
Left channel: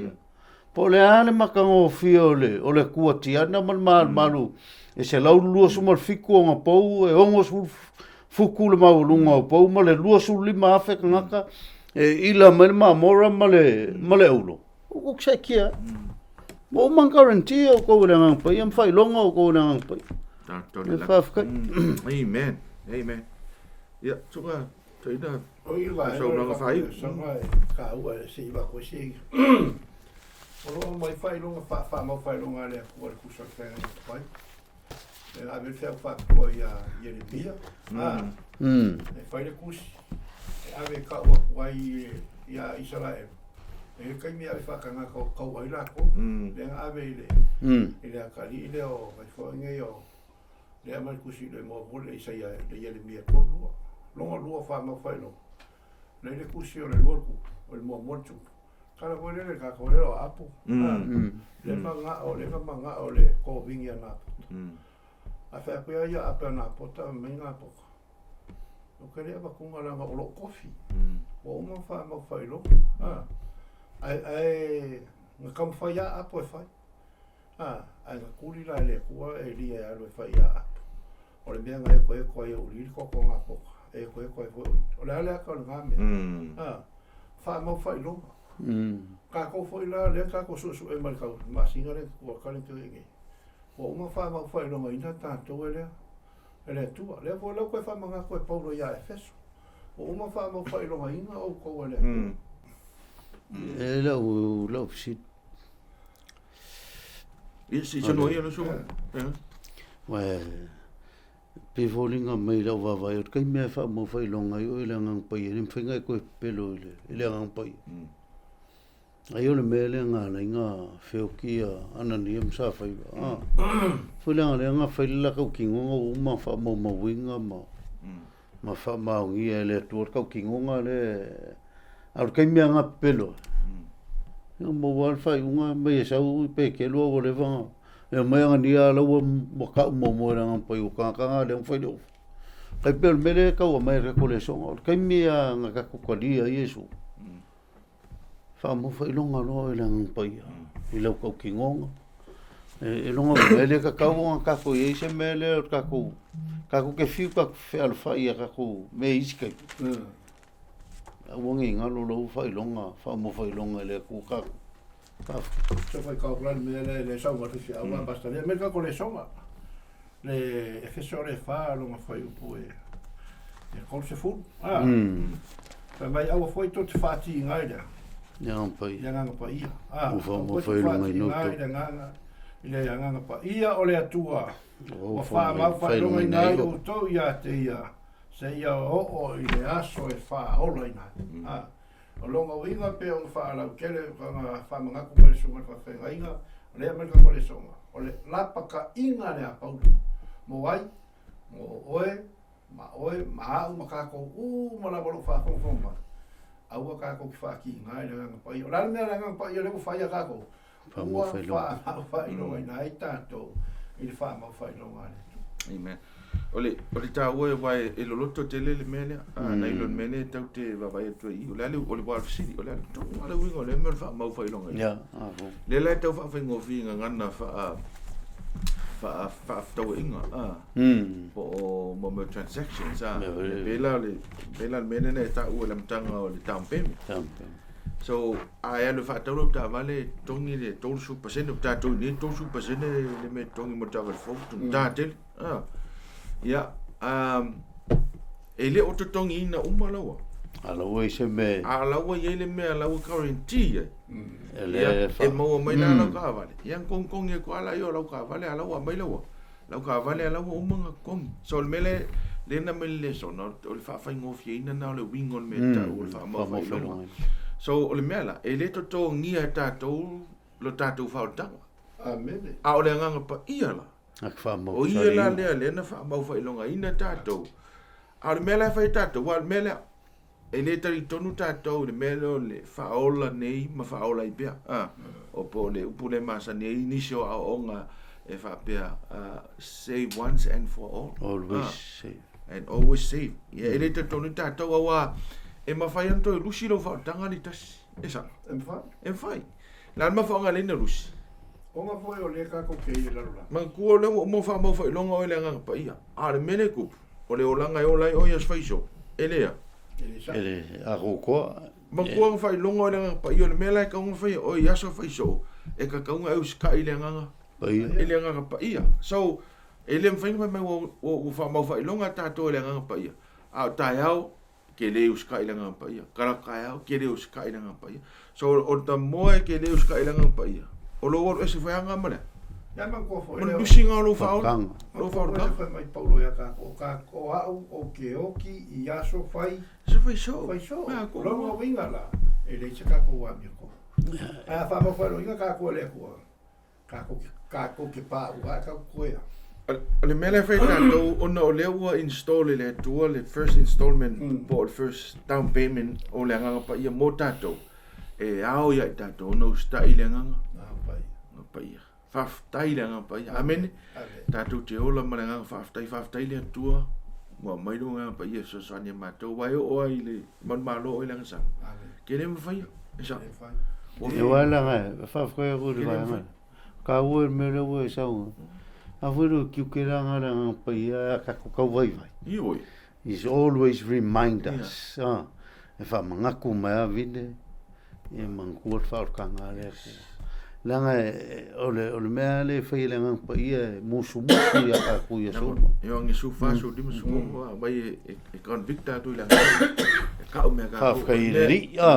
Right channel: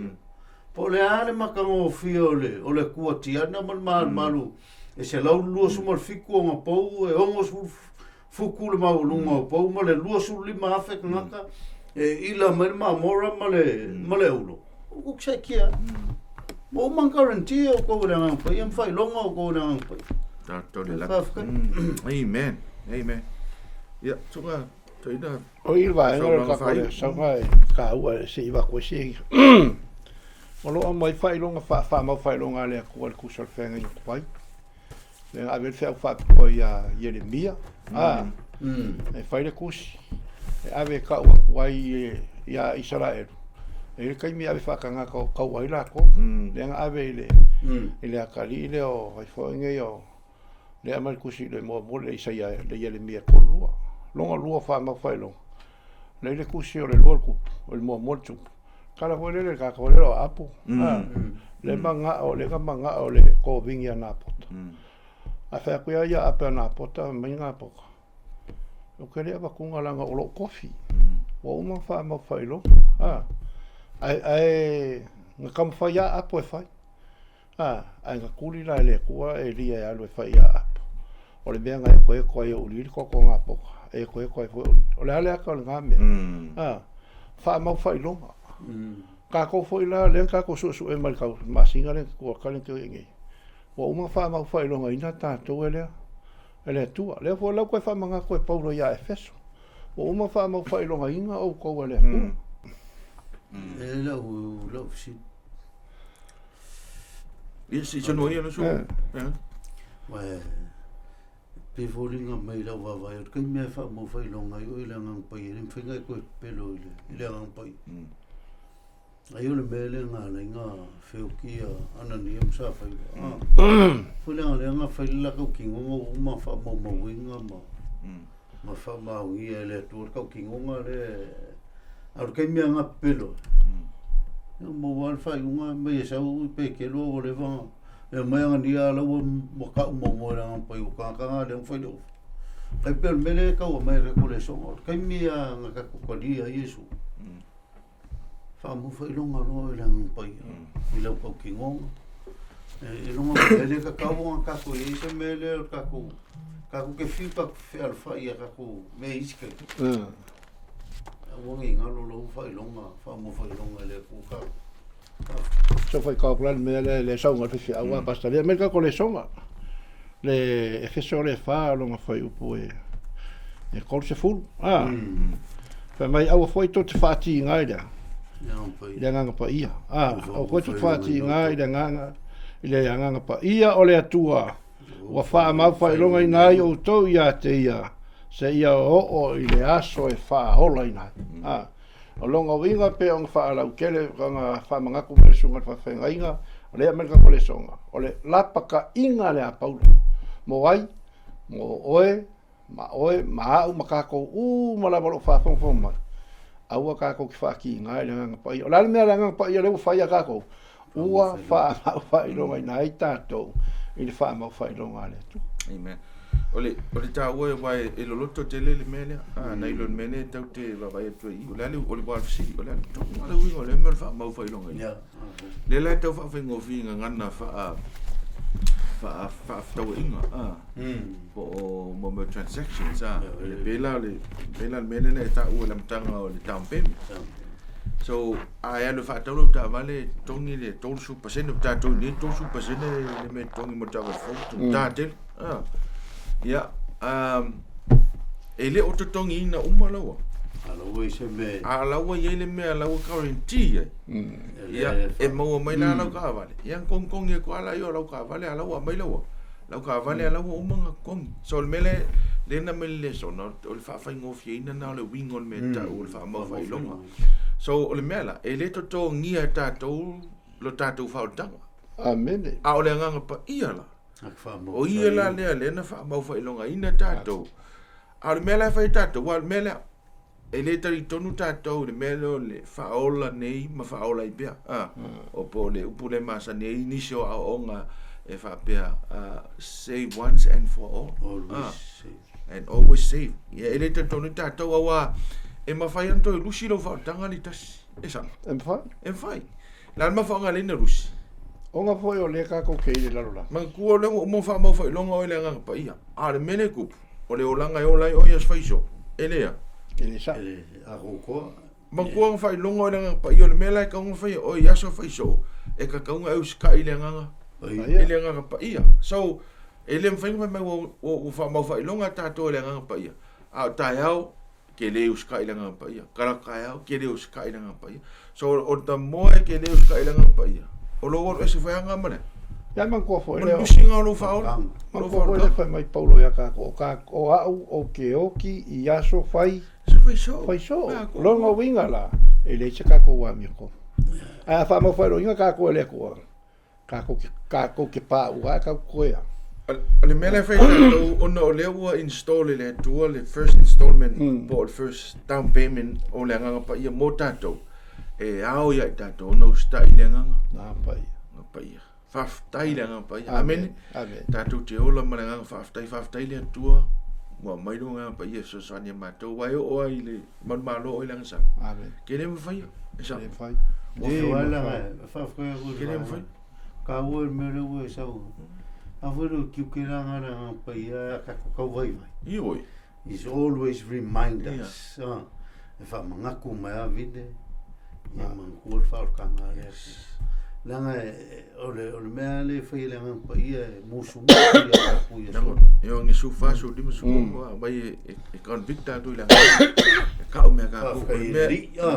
po le ale makango fiole o le kuatiana mal malu e se lau lua sumal fiku nga po e ongos fukule mau lunga o pau ma le lua suli ma afe ngaka e ila mai ma mora ma le ulo o se kia o man guarantee o ko le ngang pa yam fai longa o ko le ngang pa amen ya tunga toina o ilva sa mai ka ua se iva ko se o lo mai fai longa fa ma fai longa le ko ku so fenga I pai le ave fe fa ko ya Jeremia e fai le kusi e ave ka wai ia Israel e kai mi ave fa kanga ko wai la ko le ave ile akali ile o ai fo nge yo le amal kusi le mo le Isaia le Jeremia ko lua fa ma fai lo le kusi o le lorku o le mo tu kala ko le ka ko le apu le manga o le ko vingia na pot a fa ko ia apa na pota minga poka o kere ba kunga langa o lo kofi o uma fa ma fai lo ai nga kam fa ya apo e fai ai nga kuli la le kua e lia ya lo fai ya apo o le benga e ko e o li ko nga poka e ko e fo o le ale ka nga me fa ma fai lo ka ko foi la le ka ko su e mal ka ma singa le ko ka le ke ngi o uma fa ma fai lo ina ta to ele Atua le fo la ko fa manga ko paulo ya Efeso o uma fa ma fai lo inga o ko ele lo sit si sono io lo so wa pe volinga mai la va vai kai me fa mo fai lo ngai o ile ngang pai ni finga ko pelo ile ngang pai ai ole mele nga nga feukia ananiam sa fai fula nga nga fai la ko kingo uma fa mo winga ma ma fa maungi le tur kau kingonga le au kai mea nga pelo no mo wal fa unga me sau pe ke lo o le va e mai nga dia la o mo ka mo nga pa u ka le foi do kai pel mele ka o mai recoleção kai mea nga ka ko dia yesu fa mo fa longa lo le nga pa i lo kau kingonga e longa mele ka ka ko ye se mele ka ko ke fiu ka fe alfa ia ka ko me iska wongi ngalo lo fa mo fa longa le ku ka so fai ka plan me le songa fi awa basta le me ka ko le songa le efeso le fa longa fai upo e ko se fu fa mai awa foi tot fati ngaida ya nga pa ia ko tot fati ngaida nga ile ya nga pa ia o le atua wa fa ma fa longa ngai o to ia te ia se ia o i le aso e fa hola ina o longa winga pe on fa la kele nga fa manga ku me sunga fa fa inga le amerika ko le songa o le lapaka inga le apau mo wai mo oe ma au makako ma la bolo fa fon fon ma au ka ko ki fa ki nga le nga pa o la me la nga pa le fa ia ka ko ua fa longa ina ita to il fa ma fa longa le tu amen ole ta wo vai e lo lotto tele le mele na ilo mele ta te va vai tu i ole ole va fisi ole to ole wingo le me fa ma fa longa ya le la ta fa ngo finga ngana fa to inga po mo transactions le bela mele na ta u le mtanga o le tampem so ai lo fa tolo ta vale tongi le tol su pasene ta to ni tol su pasene le me tongi mo ta va fo ta tel ya ele o tongi na umalawa ala we se me ala we ele me ala we guarantee ya e mo mai na la ka vale yang kong e ko ala yo la ka vale ala wa mai la ka vale ala wa umanga kong so le mele le na mele so no o fa fa ngofi ina na le wingol me ta o fa mo fa lo so o le mela e le to ngia tatou lo tatou fautanga amen a o le nganga pa ia la ak fa mo o ia la le na fa mau fa ilonga ina tatou a le mela fa tatou wa le mela e le tari tonu tatou le melo le fa ola nei ma fa ola i pia o po le upule masa nei ni sho a onga e fa pia save once and for all always save and always save ia e le tonu tatou wa e mawhai anto e lusi lau whaotanga li tasi. E sa? E mwhai. Lan mawhaonga le na lusi. O ngā whai o le kako kei le laro la. Ma kua le mo wha mau whai longa o le nganga pa ia. A le mene kupu. O le olanga e olai o ias whaiso. E lea. E le sa. E le a kokoa. Ma kua ngā whai longa o le nganga pa ia. O le mele e kaunga whai o iasa whaiso. E ka kaunga e usika i le nganga. I le nganga pa ia. So, e le mwhainga mai o wha mau whai longa tātou le nganga pa ia. A tai au. Ke le uska ilanga pa ia karakaya ke le uska ilanga pa ia so o ta moe ke le uska ilanga pa ia o lo o se fa nga mane ya man ko fo le usinga lo fa lo fa mai paulo ya ka o au o ke oki i aso fai se fai so lo no winga la e le se ka ko wa mi ko a fa mo fa lo inga ka ko le ko ka ko ke pa wa ka ko ya le mele fai tatou ona o lea ua install le atua le first installment po le first down payment o le nganga pa ia mo tatou e ao ia tatou ona ustai le nganga pa ia faftai le nganga pa ia amen tatou te ola ma le nganga faftai le atua mo mai lo nganga pa ia so sania matou wai o ai le man malo o le ngasa ke le mfai esa o wala nga fafkai ko le ka o me le o sa a vero ki ke ranga pa ia ka ko vai Ioi is always remind us e fa manga ku mai vide e man ku fa ka ngale langa ole me ale fa ile ngang pa ia musu ya ka ku ia so yo ngi su fa su dim su ko vai e convicta tu la ka o me ka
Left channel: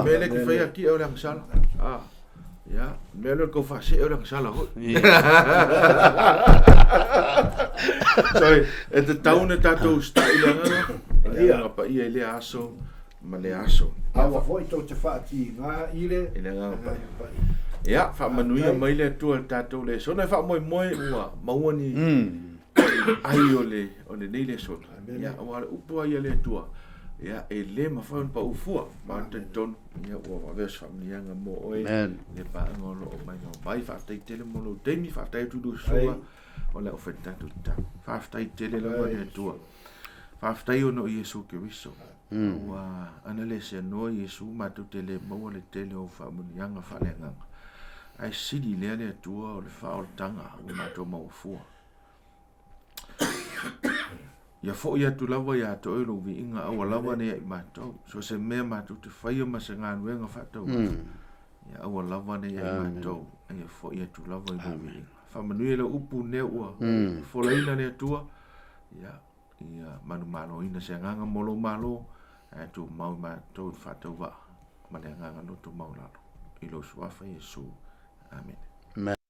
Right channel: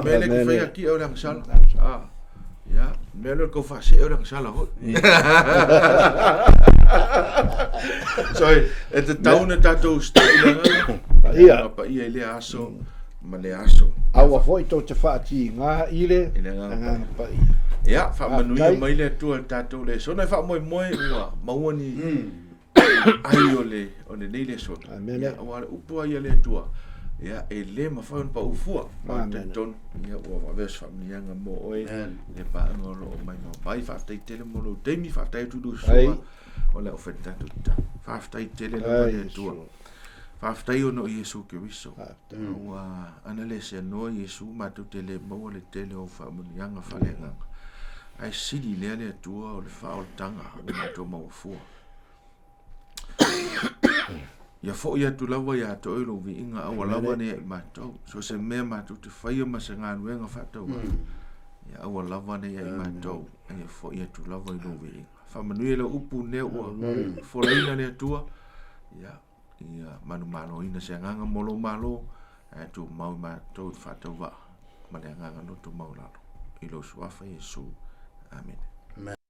me le ku fa ki o lang sal ja, melo ko fa se orang salah ho. Sorry, et taune tatou stailanga. Ia pa ia le aso, ma le aso. Awa foi to te fa ti nga ile. Nga pa. Ja, fa manuia mai le tu tatou le. So na fa moi ua, mauni. ai o le nei le sona. Amen. Ia o ale upu ai le tua. Ia e le ma fa pa ufua ma te ton ia o va ves familianga mo oe le pa ngolo o mai no mai fa te tele mo lo te mi fa te tu do so o le ofenta tu ta fa te tele la le tua fa te o no Yesu Keriso wa ana le se no Yesu ma tu tele mo le tele o fa familianga fa le nga ai sidi le tua o le fa o tanga o ma to mo fua ia fo ia tu lava ia to ilo vi inga awa lava ne ia matou so se mea matou te whaia ma se ngā nuenga whatau ia awa lava ne ia matou ia fo ia tu lava ilo vi inga whamanui le upu ne ua folaina le atua ia manu malo ina se nganga molo malo tu mau matou whatau wa ma le nganga no tu mau lalo ilo suafa Yesu amen